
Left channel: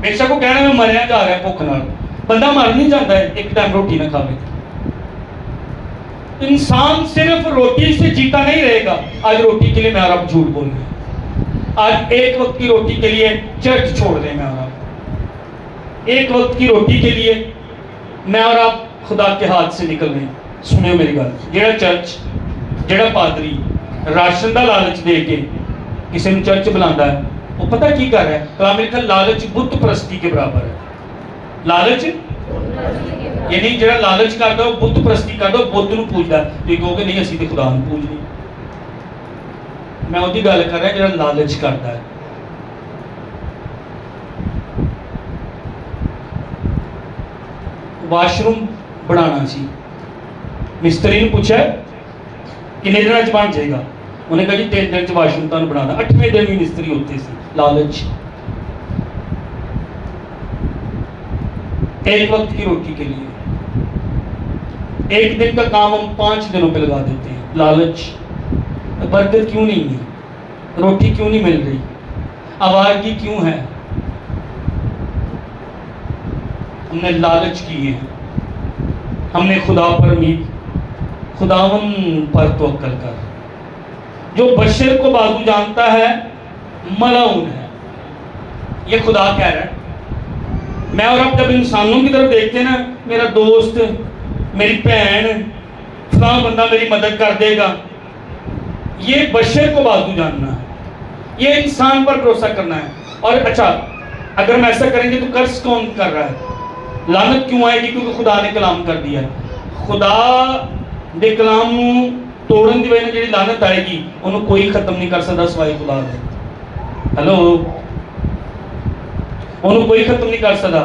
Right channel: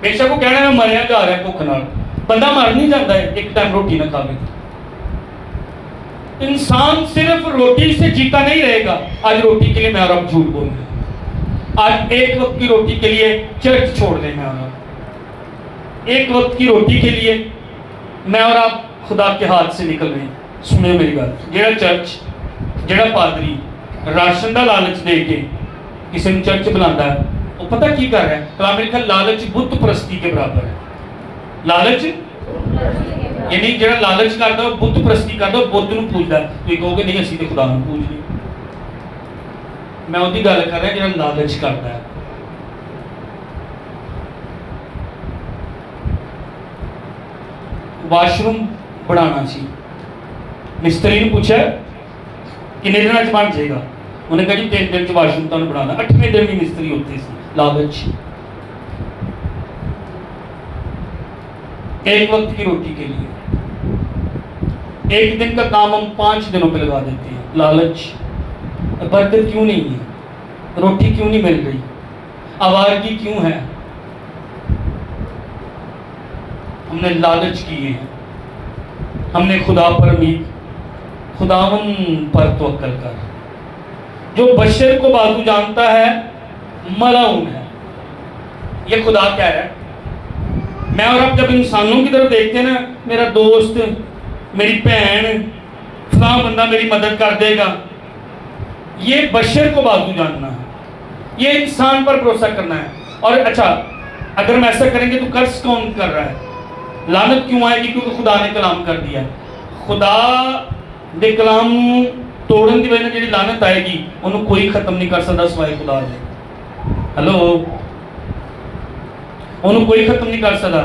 بے شک وہ کہنا میں مریا جا رہا ہے بھوک نال. بندہ مر نہیں جاتا ہے ایک ٹائم روٹی نہ کھاوے. انسان صرف روٹی سے جیتا نہیں رہے گا. آج روٹی کے لیے میں اور آپ جھوٹ بول رہے ہیں. آج ایک وقت کی روٹی کے لیے چرچ چھوڑ دیں گے. ایک وقت کی روٹی کے لیے میں اور آپ خدا کے ہاتھ سے نکل رہے ہیں. سنو میری بات, جڑا چرچ جڑا پادری راشن دا لالچ دے کے کسی نے چرچ بلانا ہے, وہ پتہ کی کر رہا ہے؟ کلام لکھا لالچ بت پرستی کے برابر ہے. لالچ یعنی جڑا لالچ کرتا ہے بت پرستی کرتا ہے, بت نو پوجدا. تو یہ کہو گے نہیں اسی تے خدا نو پوجنے. میں اودی گل کر رہا جڑا لالچ کرتا ہے. واش روم بنانا سی, مستری نے پوچھا کنے دن چ بن جائے گا؟ انہیں کہا جی 3 دن چ واش روم تمہیں بنانا. 8ویں دن بھی مستری ہوتے سی. لالچ. ایک وقت کی روٹی کے لیے ایک دن کا کام ہم 5 دنوں پہ لگا دیتے ہیں. لالچ. برکت کیوں نہیں ہے؟ روٹی کیوں نہیں مل رہی؟ آوارگی کیوں ہے؟ ہم نے لالچ کیے. ہم نے خدا پر امید, خداون پر توکل کر. جو بشر کو بازو جانتا ہے ملعون ہے. یہ خدا کہہ رہا ہے. میں اور آپ جب انسانوں کی طرف دیکھتے ہیں نا, میرا دوست, میری بہن, فلاں بندہ میری مدد کر دے گا, یہ بشر کو بازو جاننا ہے, یہ انسان پر بھروسہ کرنا ہے. اور اچھا اگر ہم ایسا کریں گے تو قرض کون کر رہا ہے؟ لعنت کیوں آئے گی؟ کیونکہ خدا نے کلام کر دیا. خدا دے کلام توڑن دی وجہ سے جڑی لعنت آئے گی انہوں کوئی ختم نہیں کر سکتا سوائے خدا دے. ہلو, انہوں کوئی ختم نہیں کر سکتا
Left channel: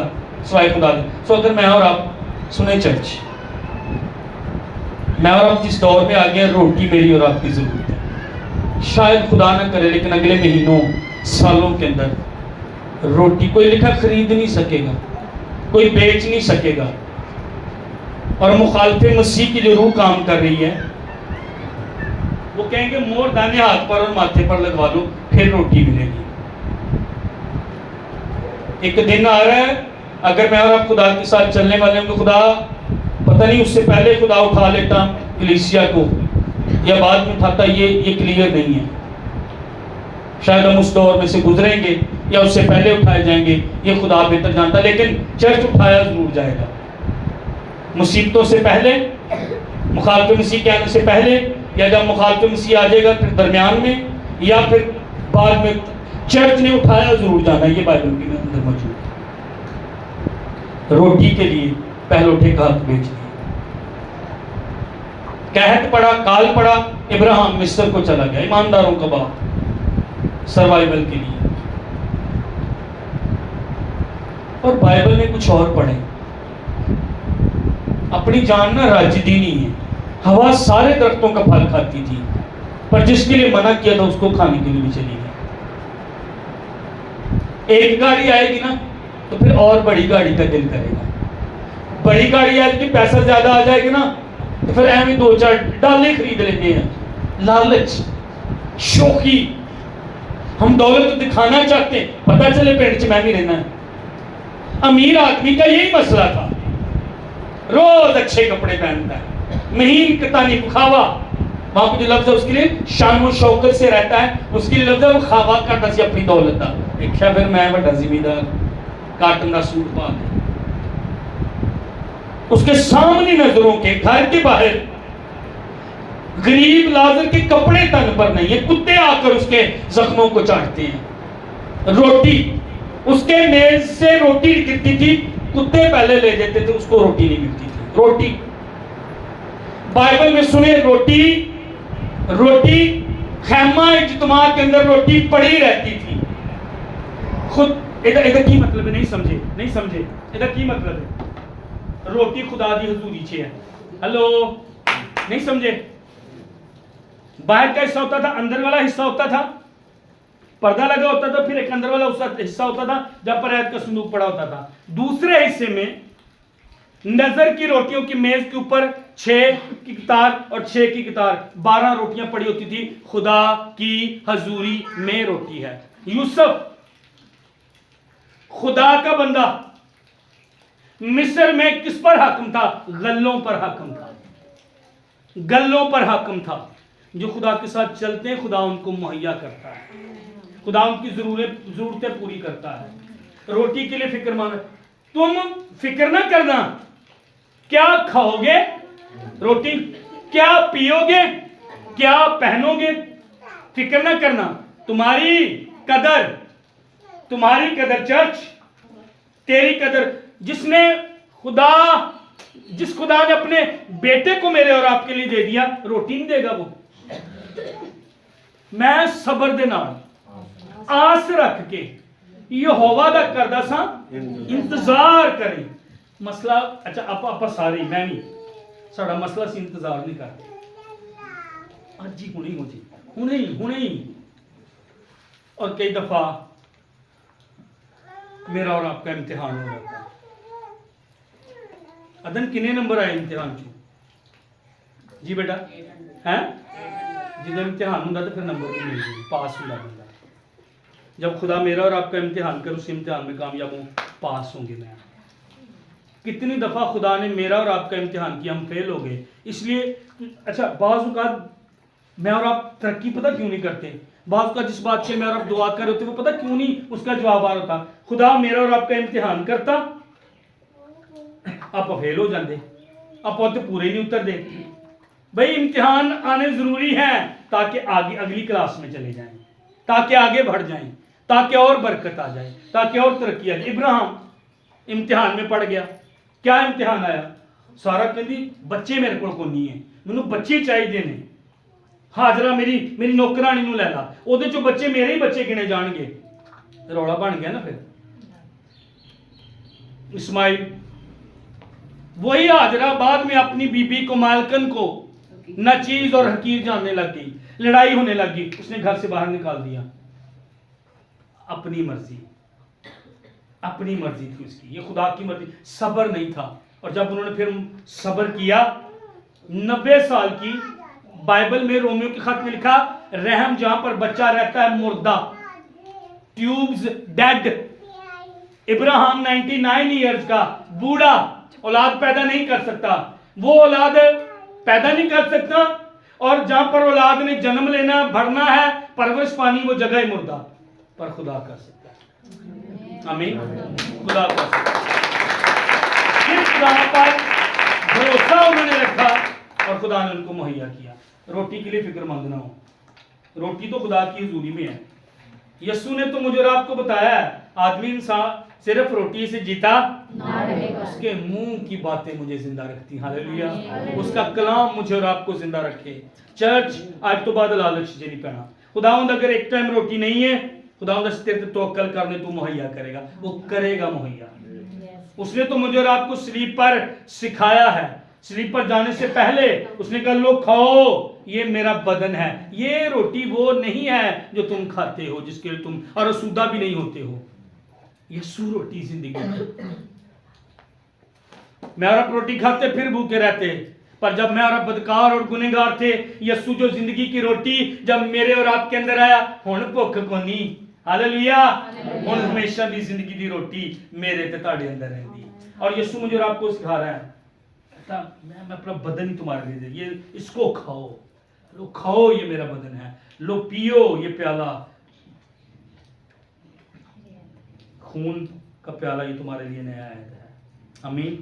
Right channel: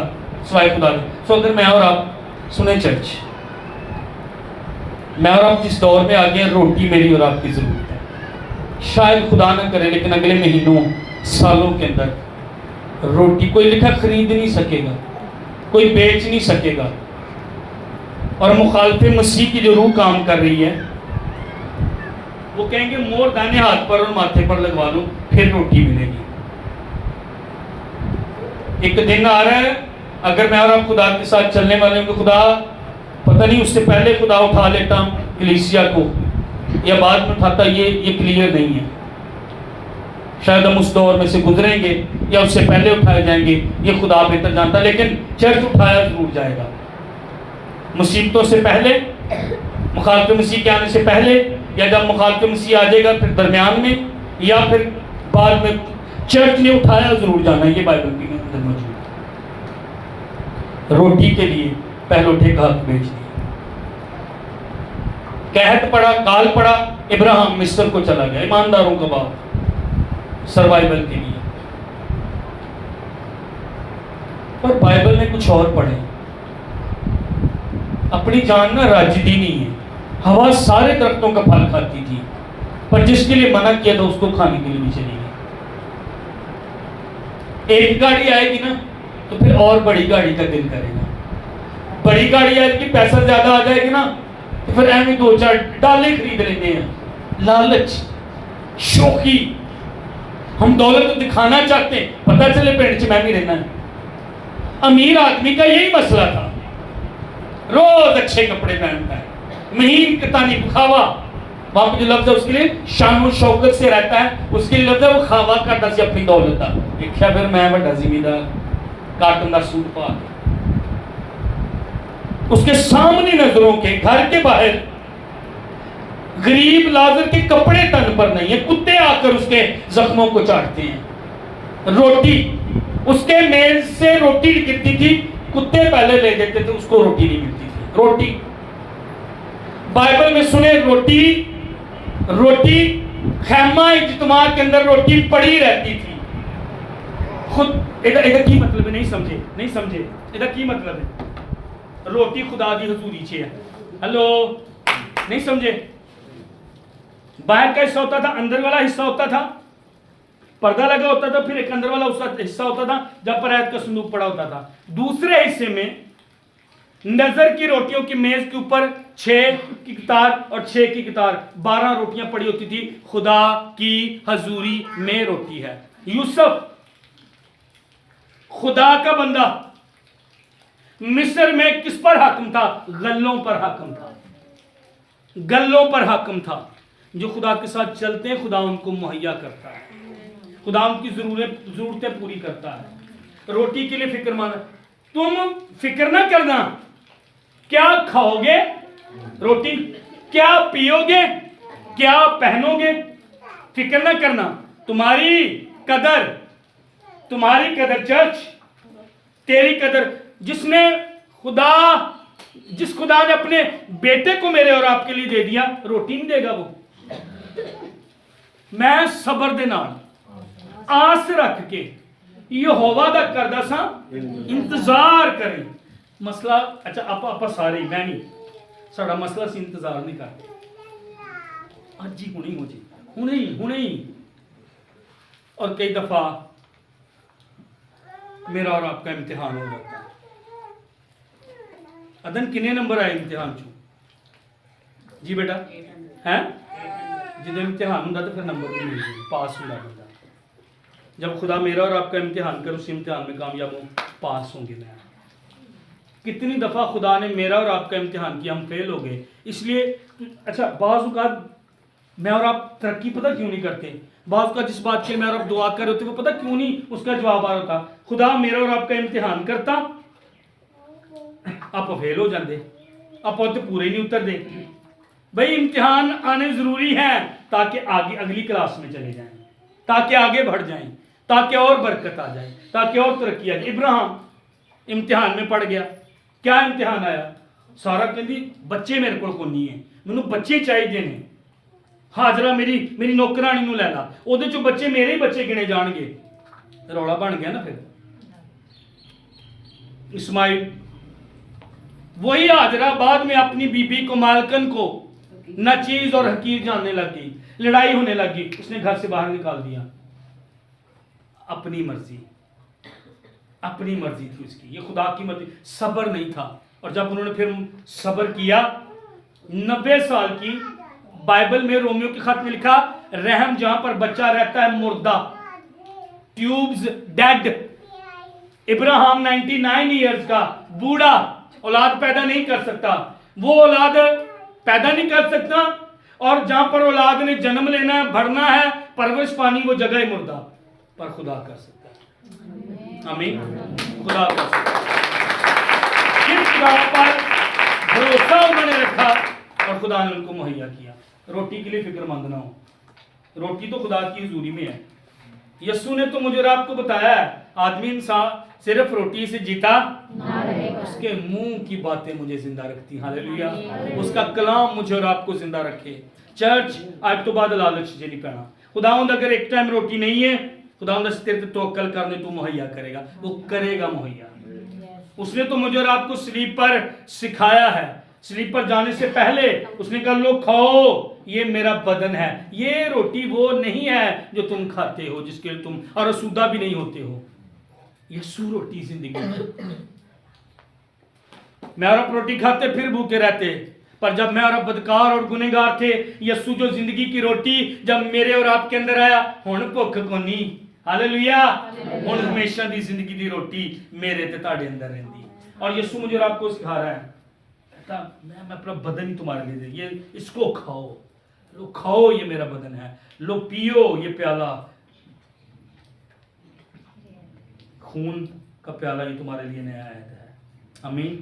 سوائے خدا دے. سو اگر میں اور آپ سنیں چرچ, میں اور آپ جس دور میں آگے روٹی میری اور آپ کی ضرورت ہے. شاید خدا نہ کرے لیکن اگلے مہینوں سالوں کے اندر روٹی کوئی لکھا خرید نہیں سکے گا, کوئی بیچ نہیں سکے گا. اور مخالف مسیح کی جو روح کام کر رہی ہے وہ کہیں گے مور دانے ہاتھ پر اور ماتھے پر لگوا لو پھر روٹی ملے گی. ایک دن آ رہا ہے اگر میں اور آپ خدا کے ساتھ چلنے والے ہوں کہ خدا پتہ نہیں اس سے پہلے خدا اٹھا لیتا کلیسیا کو یا بعد میں اٹھاتا, یہ کلیئر نہیں ہے. شاید ہم اس دور میں سے گزریں گے یا اس سے پہلے اٹھائے جائیں گے, یہ خدا بہتر جانتا. لیکن چرچ اٹھایا ضرور جائے گا. مصیبتوں سے پہلے, مخالف مسیح کے آنے سے پہلے, یا جب مخالف مسیح آ جائے گا پھر درمیان میں, یا پھر بعد میں چرچ نے اٹھایا ضرور جانا ہے. یہ بائبل کے اندر موجود. روٹی کے لیے پہلے اٹھے کا حق بیچ دیا. قحط پڑا, کال پڑا, ابراہیم مصر کو چلا گیا, ایمانداروں کا باپ, سروائیول کے لیے. اور بائبل نے کچھ اور پڑھے. اپنی جان نہ راجدی نہیں ہے. ہوا سارے درختوں کا پھل کھاتی تھی, پر جس کے لیے منع کیا تھا اس کو کھانے کے لیے بھی چلی گئی. ایک گاڑی آئے گی نا تو پھر اور بڑی گاڑی کا دل کرے گا. بڑی گاڑی آئے گی, پیسہ زیادہ آ جائے گی نا تو پھر ایویں 2-4 ڈالے خرید لیتے ہیں. لالچ, شوخی. ہم دولت دکھانا چاہتے ہیں, پتہ چلے پیٹ چ میں بھی رہنا ہے. امیر آدمی کا یہی مسئلہ تھا, روز اچھے کپڑے پہنتا ہے, مہین کتانی کھاوا. وہاں پہ جو لفظ ہے اس کے لیے شان و شوکت سے رہتا ہے, اس کے لیے لفظ ہے وہ کھاوا کرتا سی اپنی دولت دا. دیکھا پھر میں بڑا زمیندار, کاٹن دا سوٹ پا کے اس کے سامنے نظروں کے گھر کے باہر غریب لازر کے کپڑے تن پر نہیں ہیں، کتے آ کر اس کے زخموں کو چاٹتے ہیں. روٹی اس کے میز سے روٹی گرتی تھی، کتے پہلے لے لیتے تھے، اس کو روٹی نہیں ملتی تھی. روٹی بائبل میں سنے، روٹی خیمہ اجتماع کے اندر روٹی پڑی رہتی تھی. خود ادھر کی مطلب ہے، نہیں سمجھے ادھر کی مطلب ہے. روٹی خدا دی حضوری چھے ہے. ہلو، نہیں سمجھے. باہر کا حصہ ہوتا تھا، اندر والا حصہ ہوتا تھا، پردہ لگا ہوتا تھا، پھر ایک اندر والا حصہ ہوتا تھا جب پر آیت کا صندوق پڑا ہوتا تھا. دوسرے حصے میں نظر کی روٹیوں کی میز کے اوپر 6 کی قطار اور 6 کی قطار 12 روٹیاں پڑی ہوتی تھی. خدا کی حضوری میں روٹی ہے. یوسف خدا کا بندہ مصر میں کس پر حاکم تھا؟ غلوں پر حاکم تھا. غلوں پر حاکم تھا. جو خدا کے ساتھ چلتے ہیں خدا ان کو مہیا کرتا ہے، خدا ان کی ضرورتیں پوری کرتا ہے. روٹی کے لیے فکر مند. تم فکر نہ کرنا کیا کھاؤ گے، روٹی کیا پیو گے، کیا پہنو گے. فکر نہ کرنا. تمہاری قدر چرچ، تیری قدر جس خدا نے اپنے بیٹے کو میرے اور آپ کے لیے دے دیا، روٹی نہیں دے گا وہ. میں صبر دے نال آس رکھ کے یہوہ دا کردہ سا انتظار کریں. مسئلہ اچھا آپ سارے میں نہیں، ساڑا مسئلہ سی انتظار نہیں کرتے. آج جی ہونے ہی. اور کئی دفعہ میرا اور آپ کا امتحان ہو جاتا ہے. ادن کنے نمبر آئے امتحان چو؟ جی بیٹا ہیں جب امتحان ہوں تو پھر نمبر بھی مل جائے، پاس ہوں بندہ. جب خدا میرا اور آپ کا امتحان کر اس امتحان میں کامیاب ہوں، پاس ہوں گے. میں کتنی دفعہ خدا نے میرا اور آپ کا امتحان کیا، ہم فیل ہو گئے. اس لیے اچھا بعض اوقات میں اور آپ ترقی پتہ کیوں نہیں کرتے. بعض اوقات جس بات کے میں اور آپ دعا کر رہے ہوتے وہ پتہ کیوں نہیں اس کا جواب آ رہا ہوتا. خدا میرا اور آپ کا امتحان کرتا، آپ فیل ہو جاندے، آپ پورے نہیں اتر دے. بھئی امتحان آنے ضروری ہے تاکہ آگے اگلی کلاس میں چلے جائیں، تاکہ آگے بڑھ جائیں، تاکہ اور برکت آ جائے، تاکہ اور ترقی آ جائے. ابراہیم امتحان میں پڑ گیا. کیا امتحان آیا؟ سارا کہندی بچے میرے کو نہیں ہیں، مینوں بچے چاہیے نے. حاجرہ میری نوکرانی نو لے لا، او دے چو بچے میرے ہی بچے گنے جان گے. روڑا بن گیا نا. پھر اسماعیل، وہی حاجرہ بعد میں اپنی بی بی کو مالکن کو ناچیز اور حقیر جاننے لگ گئی، لڑائی ہونے لگ گئی، اس نے گھر سے باہر نکال دیا. اپنی مرضی تھی اس کی، یہ خدا کی مرضی. صبر نہیں تھا. اور جب انہوں نے پھر صبر کیا 90 سال کی، بائبل میں رومیو کے خط میں لکھا رحم جہاں پر بچہ رہتا ہے مردہ، ٹیوبز ڈیڈ. ابراہیم 99 ایئرز کا بوڑھا اولاد پیدا نہیں کر سکتا. وہ اولاد پیدا نہیں کر سکتا، اور جہاں پر اولاد نے جنم لینا بڑھنا ہے پرورش پانی، وہ جگہ ہی مردہ. پر خدا کر سکتا ہے. آمین. خدا کر سکتا ہے. کس خدا پر بھروسہ انہوں نے رکھا اور خدا نے ان کو مہیا کیا. روٹی کے لیے فکر مند نہ ہو. روٹی تو خدا کی حضوری میں ہے. یسوع نے تو مجھے اور آپ کو بتایا ہے آدمی انسان صرف روٹی سے جیتا، اس کے منہ کی باتیں مجھے زندہ رکھتی. ہاللیلویہ. اس کا کلام مجھے اور آپ کو زندہ رکھے. چرچ آج تو بعد لالچ جے نہیں پینا. خداوند اگر ایک ٹائم روٹی نہیں ہے، خداوند اس تیرے توکل کرنے تو مہیا کرے گا، وہ کرے گا مہیا. اس نے تو مجھے اور آپ کو سلیپ پر سکھایا ہے. سلیپ پر جانے سے پہلے اس نے کہا لو کھاؤ، یہ میرا بدن ہے. یہ روٹی وہ نہیں ہے جو تم کھاتے ہو، جس کے لیے تم اور آسودہ بھی نہیں ہوتے ہو. یسوع روٹی زندگی ہے. میں اور آپ روٹی کھاتے پھر بھوکے رہتے، پر جب میں اور آپ بدکار اور گنہگار تھے، یسوع جو زندگی کی روٹی جب میرے اور آپ کے اندر آیا، ہن بھوک کونی. ہاللیلویہ. ہن ہمیشہ دی زندگی دی روٹی میرے تے تہاڈے اندر رہندی. اور یسوع مجھے اور آپ کو سکھا رہا ہے، میں اپنا بدن ہی تمہارے لیے دے، یہ اس کو کھاؤ. لو کھاؤ، یہ میرا بدن ہے. لو پیو یہ پیالہ، خون کا پیالہ، یہ تمہارے لیے نیا عہد ہے. آمین.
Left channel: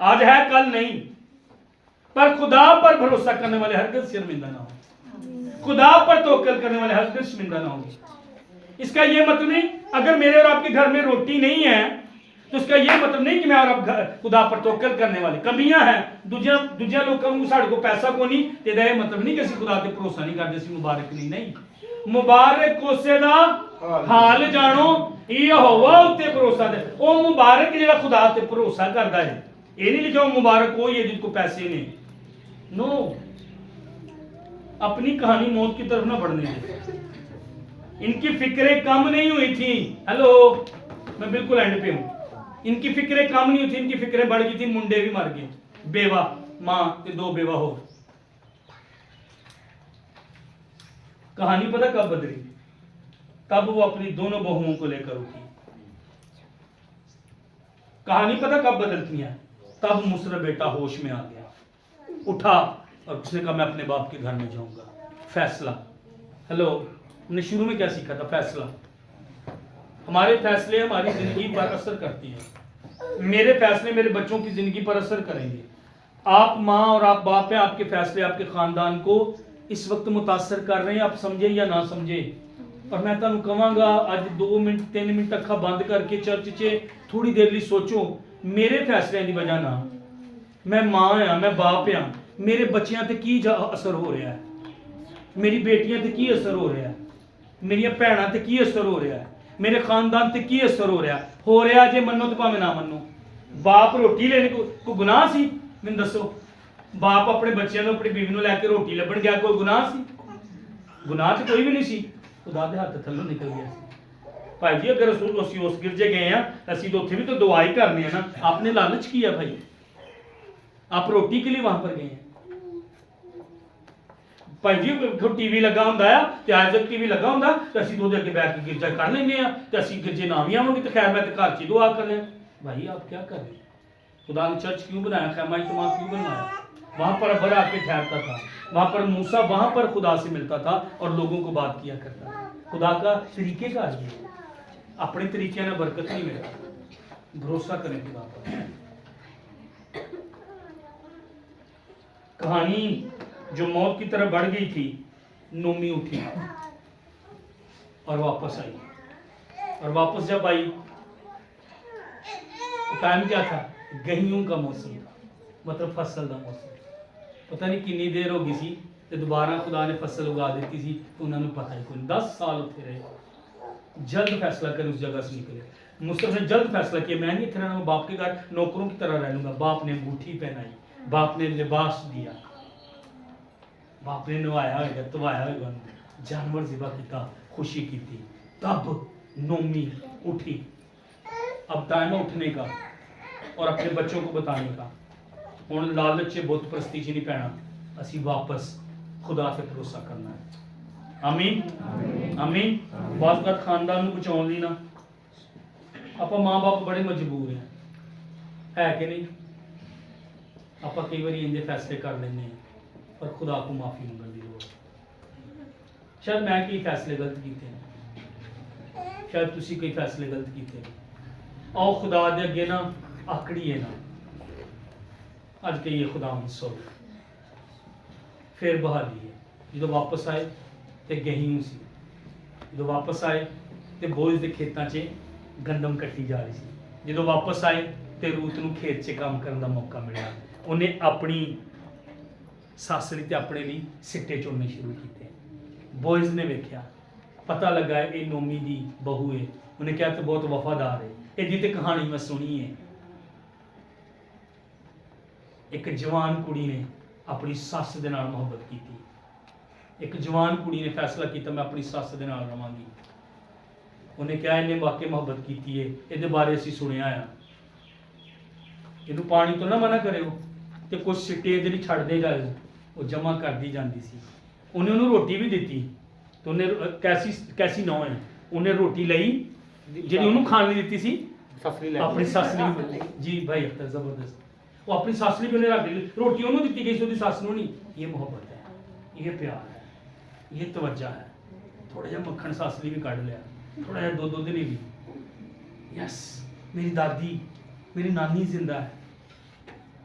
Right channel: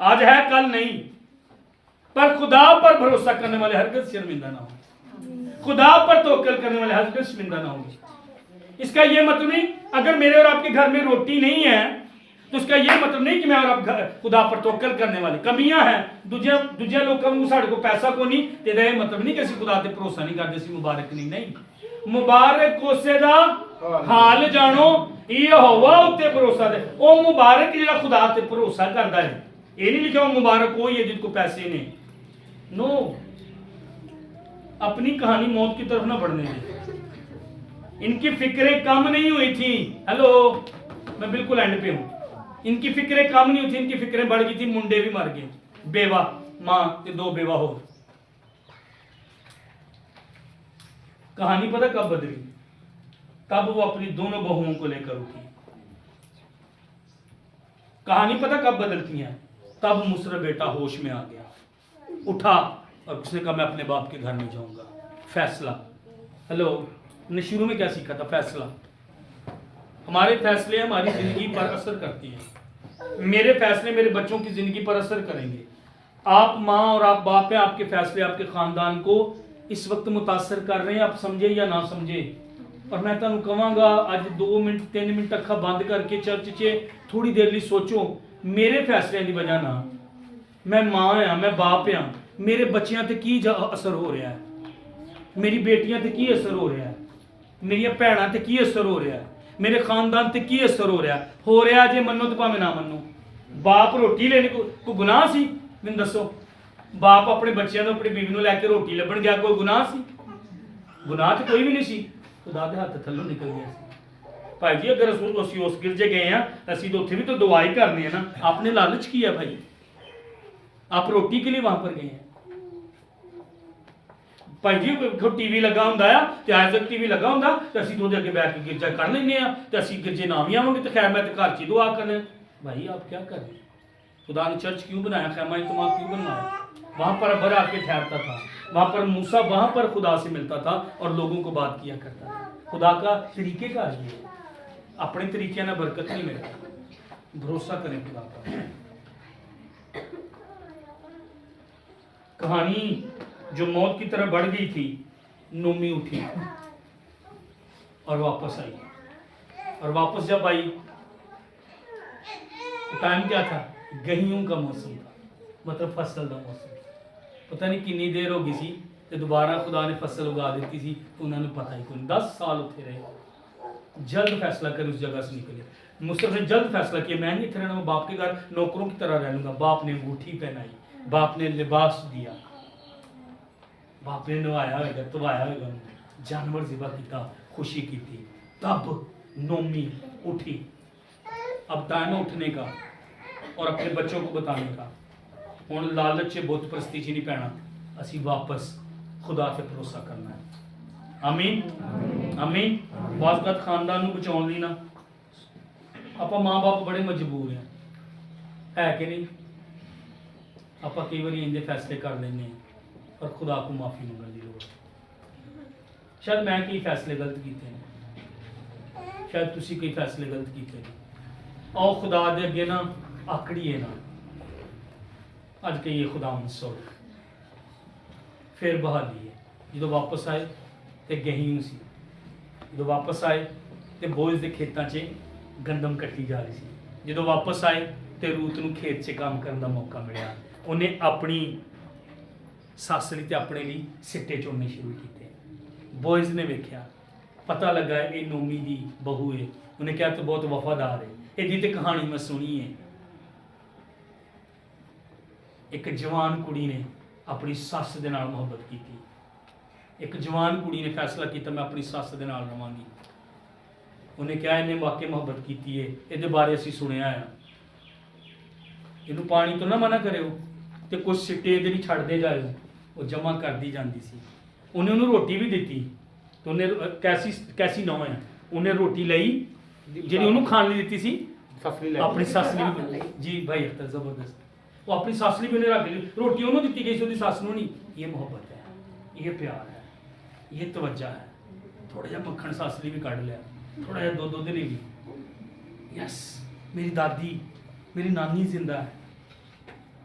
آج ہے کل نہیں، پر خدا پر بھروسہ کرنے والے ہرگز شرمندہ نہ ہوں، خدا پر توکل کرنے والے ہرگز شرمندہ نہ ہوں گے۔ اس کا یہ مطلب نہیں اگر میرے اور آپ کے گھر میں روٹی نہیں ہے تو اس کا یہ مطلب نہیں کہ میں اور آپ خدا پر توکل کرنے والے، کمیاں ہیں دوجے لوگوں کو ساڑھے کو پیسہ کو نہیں تے دا یہ مطلب نہیں کہ اسی خدا تے بھروسہ نہیں کرتے، اسی مبارک نہیں مبارک کوسے دا حال جانو یہوہ اتے بھروسہ دے، او مبارک جڑا خدا تے بھروسہ کردا ہے، یہ نہیں لکھا وہ مبارک ہوئی ہے جن کو پیسے نے، نو اپنی کہانی موت کی طرف نہ بڑھنے دے۔ ان کی فکریں کم نہیں ہوئی تھی، ہیلو میں بالکل اینڈ پہ ہوں، ان کی فکریں کم نہیں ہوئی تھی، ان کی فکریں بڑھ گئی تھی، منڈے بھی مر گئے، بیوہ ماں تے 2 بیوہ ہو۔ کہانی پتہ کب بدلی؟ تب وہ اپنی دونوں بہوؤں کو لے کر اٹھی۔ کہانی پتہ کب بدلتی ہیں؟ تب مصر بیٹا ہوش میں آ گیا، اٹھا اور اس نے کہا میں اپنے باپ کے گھر میں جاؤں گا۔ فیصلہ، ہیلو ہم نے شروع میں کیا سیکھا تھا؟ فیصلہ۔ ہمارے فیصلے ہماری زندگی پر اثر کرتی ہیں، میرے فیصلے میرے بچوں کی زندگی پر اثر کریں گے۔ آپ ماں اور آپ باپ ہیں، آپ کے فیصلے آپ کے خاندان کو اس وقت متاثر کر رہے ہیں، آپ سمجھے یا نہ سمجھے۔ اور میں تانوں کہاں گا آج 2 منٹ 3 منٹ اکھا بند کر کے چرچ چے تھوڑی دیر لی سوچو، میرے فیصلے دی وجہ نہ میں ماں ہاں، میں باپ ہاں، میرے بچیاں تے کی اثر ہو رہا ہے، میری بیٹیاں تے کی اثر ہو رہا ہے، میری بھیناں تے کی اثر ہو رہا ہے، میرے خاندان تے کی اثر ہو رہا جے منو تو پاویں نہ منو۔ باپ روٹی لینے کو گناہ سی؟ میں دسو، باپ اپنے بچیاں نو اپنی بیوی نو لے کے روٹی لبن گیا، کوئی گناہ سی؟ گناہ تو کوئی بھی نہیں سی، خدا دے ہاتھ تھلوں نکل گیا سی۔ بھائی جی اگر اسی اس گرجے گئے ہیں اسی تو اتنے بھی تو دعا ہی کرنے ہیں نا، آپ نے لالچ کیا بھائی، آپ روٹی کے لیے وہاں پر گئے ہیں۔ بھائی جی ٹی وی لگا ہوں تو آج تک ٹی وی لگا ہوں تو اسی دو کے بیٹھ کے گرجا کر لینے ہیں تو اسی گرجے نہ بھی آؤں گے تو خیر میں تو گھر چ دعا کرنے۔ بھائی آپ کیا کر رہے ہیں؟ خدا نے چرچ کیوں بنایا؟ خیمہ اجتماع کیوں بنوایا؟ وہاں پر ابر آ کے ٹھہرتا تھا، وہاں پر موسیٰ وہاں پر خدا سے ملتا تھا اور لوگوں کو بات کیا کرتا تھا۔ خدا کا طریقے کا یہ ہے، اپنے طریقے نہ برکت نہیں ملتا، بھروسہ کریں خدا پر۔ کہانی جو موت کی طرف بڑھ گئی تھی، نومی اٹھی اور واپس آئی، اور واپس جب آئی ٹائم کیا تھا؟ گہیوں کا موسم تھا، مطلب فصل کا موسم۔ پتہ نہیں کنی دیر ہو گئی سی تو دوبارہ خدا نے فصل اگا دیتی سی تو انہوں نے پتہ ہی کوئی نہیں، 10 سال اتنے رہے، جلد فیصلہ کرے اس جگہ سے نکلے۔ مصر نے جلد فیصلہ کیا میں نہیں اتنے رہنا، میں باپ کے گھر نوکروں کی طرح رہ لوں گا۔ باپ نے انگوٹھی پہنائی، باپ نے لباس دیا، باپ نے نوایا ہوئے گا، توایا ہوئے گا، جانور ذبح کیتا، خوشی کی تھی۔ تب نومی اٹھی، اب ٹائم ہے اٹھنے کا اور اپنے بچوں کو بتانے کا۔ ہوں لالچ بت پرستی چ نہیں پینا، اسی واپس خدا سے بھروسہ کرنا ہے۔ آمین آمین۔ بعض اوقات خاندان کو بچاؤ لی نا آپ ماں باپ بڑے مجبور ہیں، ہے کہ نہیں؟ آپ کئی بار انجے فیصلے کر لینے ہیں اور خدا کو معافی منگن کی ضرورت ہے۔ شاید میں کئی فیصلے غلط کیتے ہیں، شاید تسی کئی فیصلے غلط کیتے ہیں۔ آؤ خدا دے اگے نا آکڑیے نا، اج کہیے خدا سن پھر بحالی ہے۔ جدو واپس آئے تو گہیوں سی، جدو واپس آئے تو بوجھ دے کھیتاں چ گندم کٹی جا رہی سی، جدو واپس آئے تو روت نو کھیت سے کام کرنے کا موقع ملیا، انہیں اپنی سس لی تے اپنے لی سٹے چننے شروع کیتے۔ بوئز نے ویکھیا، پتہ لگا ہے یہ نومی دی بہو ہے، انہیں کہا تو بہت وفادار ہے۔ یہ تے کہانی میں سنی ہے، ایک جوان کڑی نے اپنی سس دے نال محبت کی تھی، ایک جوان کڑی نے فیصلہ کیا میں اپنی سس دے نال رہاں گی۔ انہیں کہا انہیں واقعی محبت کی ہے، یہ بارے اسی سنیا ہے، یہ پانی تو نہ منع کرے ہو تو کچھ سٹے دے چھڑ دے جائے ہو، وہ جمع کر دی جاندی سی۔ انہیں انہوں روٹی بھی دیتی تو انہیں کیسی نو ہے، انہیں روٹی لئی جی انہوں کھان لی دیتی سی اپنی سس لی بھی، جی بھائی اختر زبردست، وہ اپنی سس لی بھی انہیں رکھ لی، روٹی انہوں دیتی گئی سی وہ سس نو نہیں۔ یہ محبت ہے، یہ پیار ہے، یہ توجہ ہے۔ تھوڑا جہا مکھن سس لی بھی کٹ لیا، تھوڑا جہا دودھ لی بھی، یس میری دادی میری نانی زندہ ہے،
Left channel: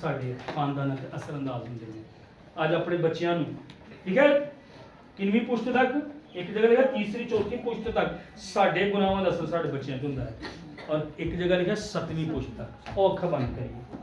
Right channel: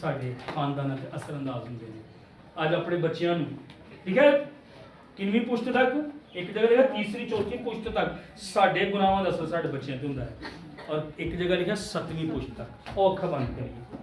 ਸਾਡੇ ਖਾਨਦਾਨਾਂ ਤੇ ਅਸਰ ਅੰਦਾਜ਼ ਹੁੰਦੇ ਨੇ। ਅੱਜ ਆਪਣੇ ਬੱਚਿਆਂ ਨੂੰ, ਠੀਕ ਹੈ, ਕਿੰਨਵੀਂ ਪੁਸ਼ਤ ਤੱਕ, ਇੱਕ ਜਗ੍ਹਾ ਲਿਖਿਆ ਤੀਸਰੀ ਚੌਥੀ ਪੁਸ਼ਤ ਤੱਕ ਸਾਡੇ ਗੁਨਾਹਾਂ ਦਾ ਅਸਰ ਸਾਡੇ ਬੱਚਿਆਂ ਤੇ ਹੁੰਦਾ ਹੈ, ਔਰ ਇੱਕ ਜਗ੍ਹਾ ਲਿਖਿਆ 7ਵੀਂ ਪੁਸ਼ਤ ਤੱਕ। ਉਹ ਅੱਖਾਂ ਬੰਦ ਕਰੀਏ।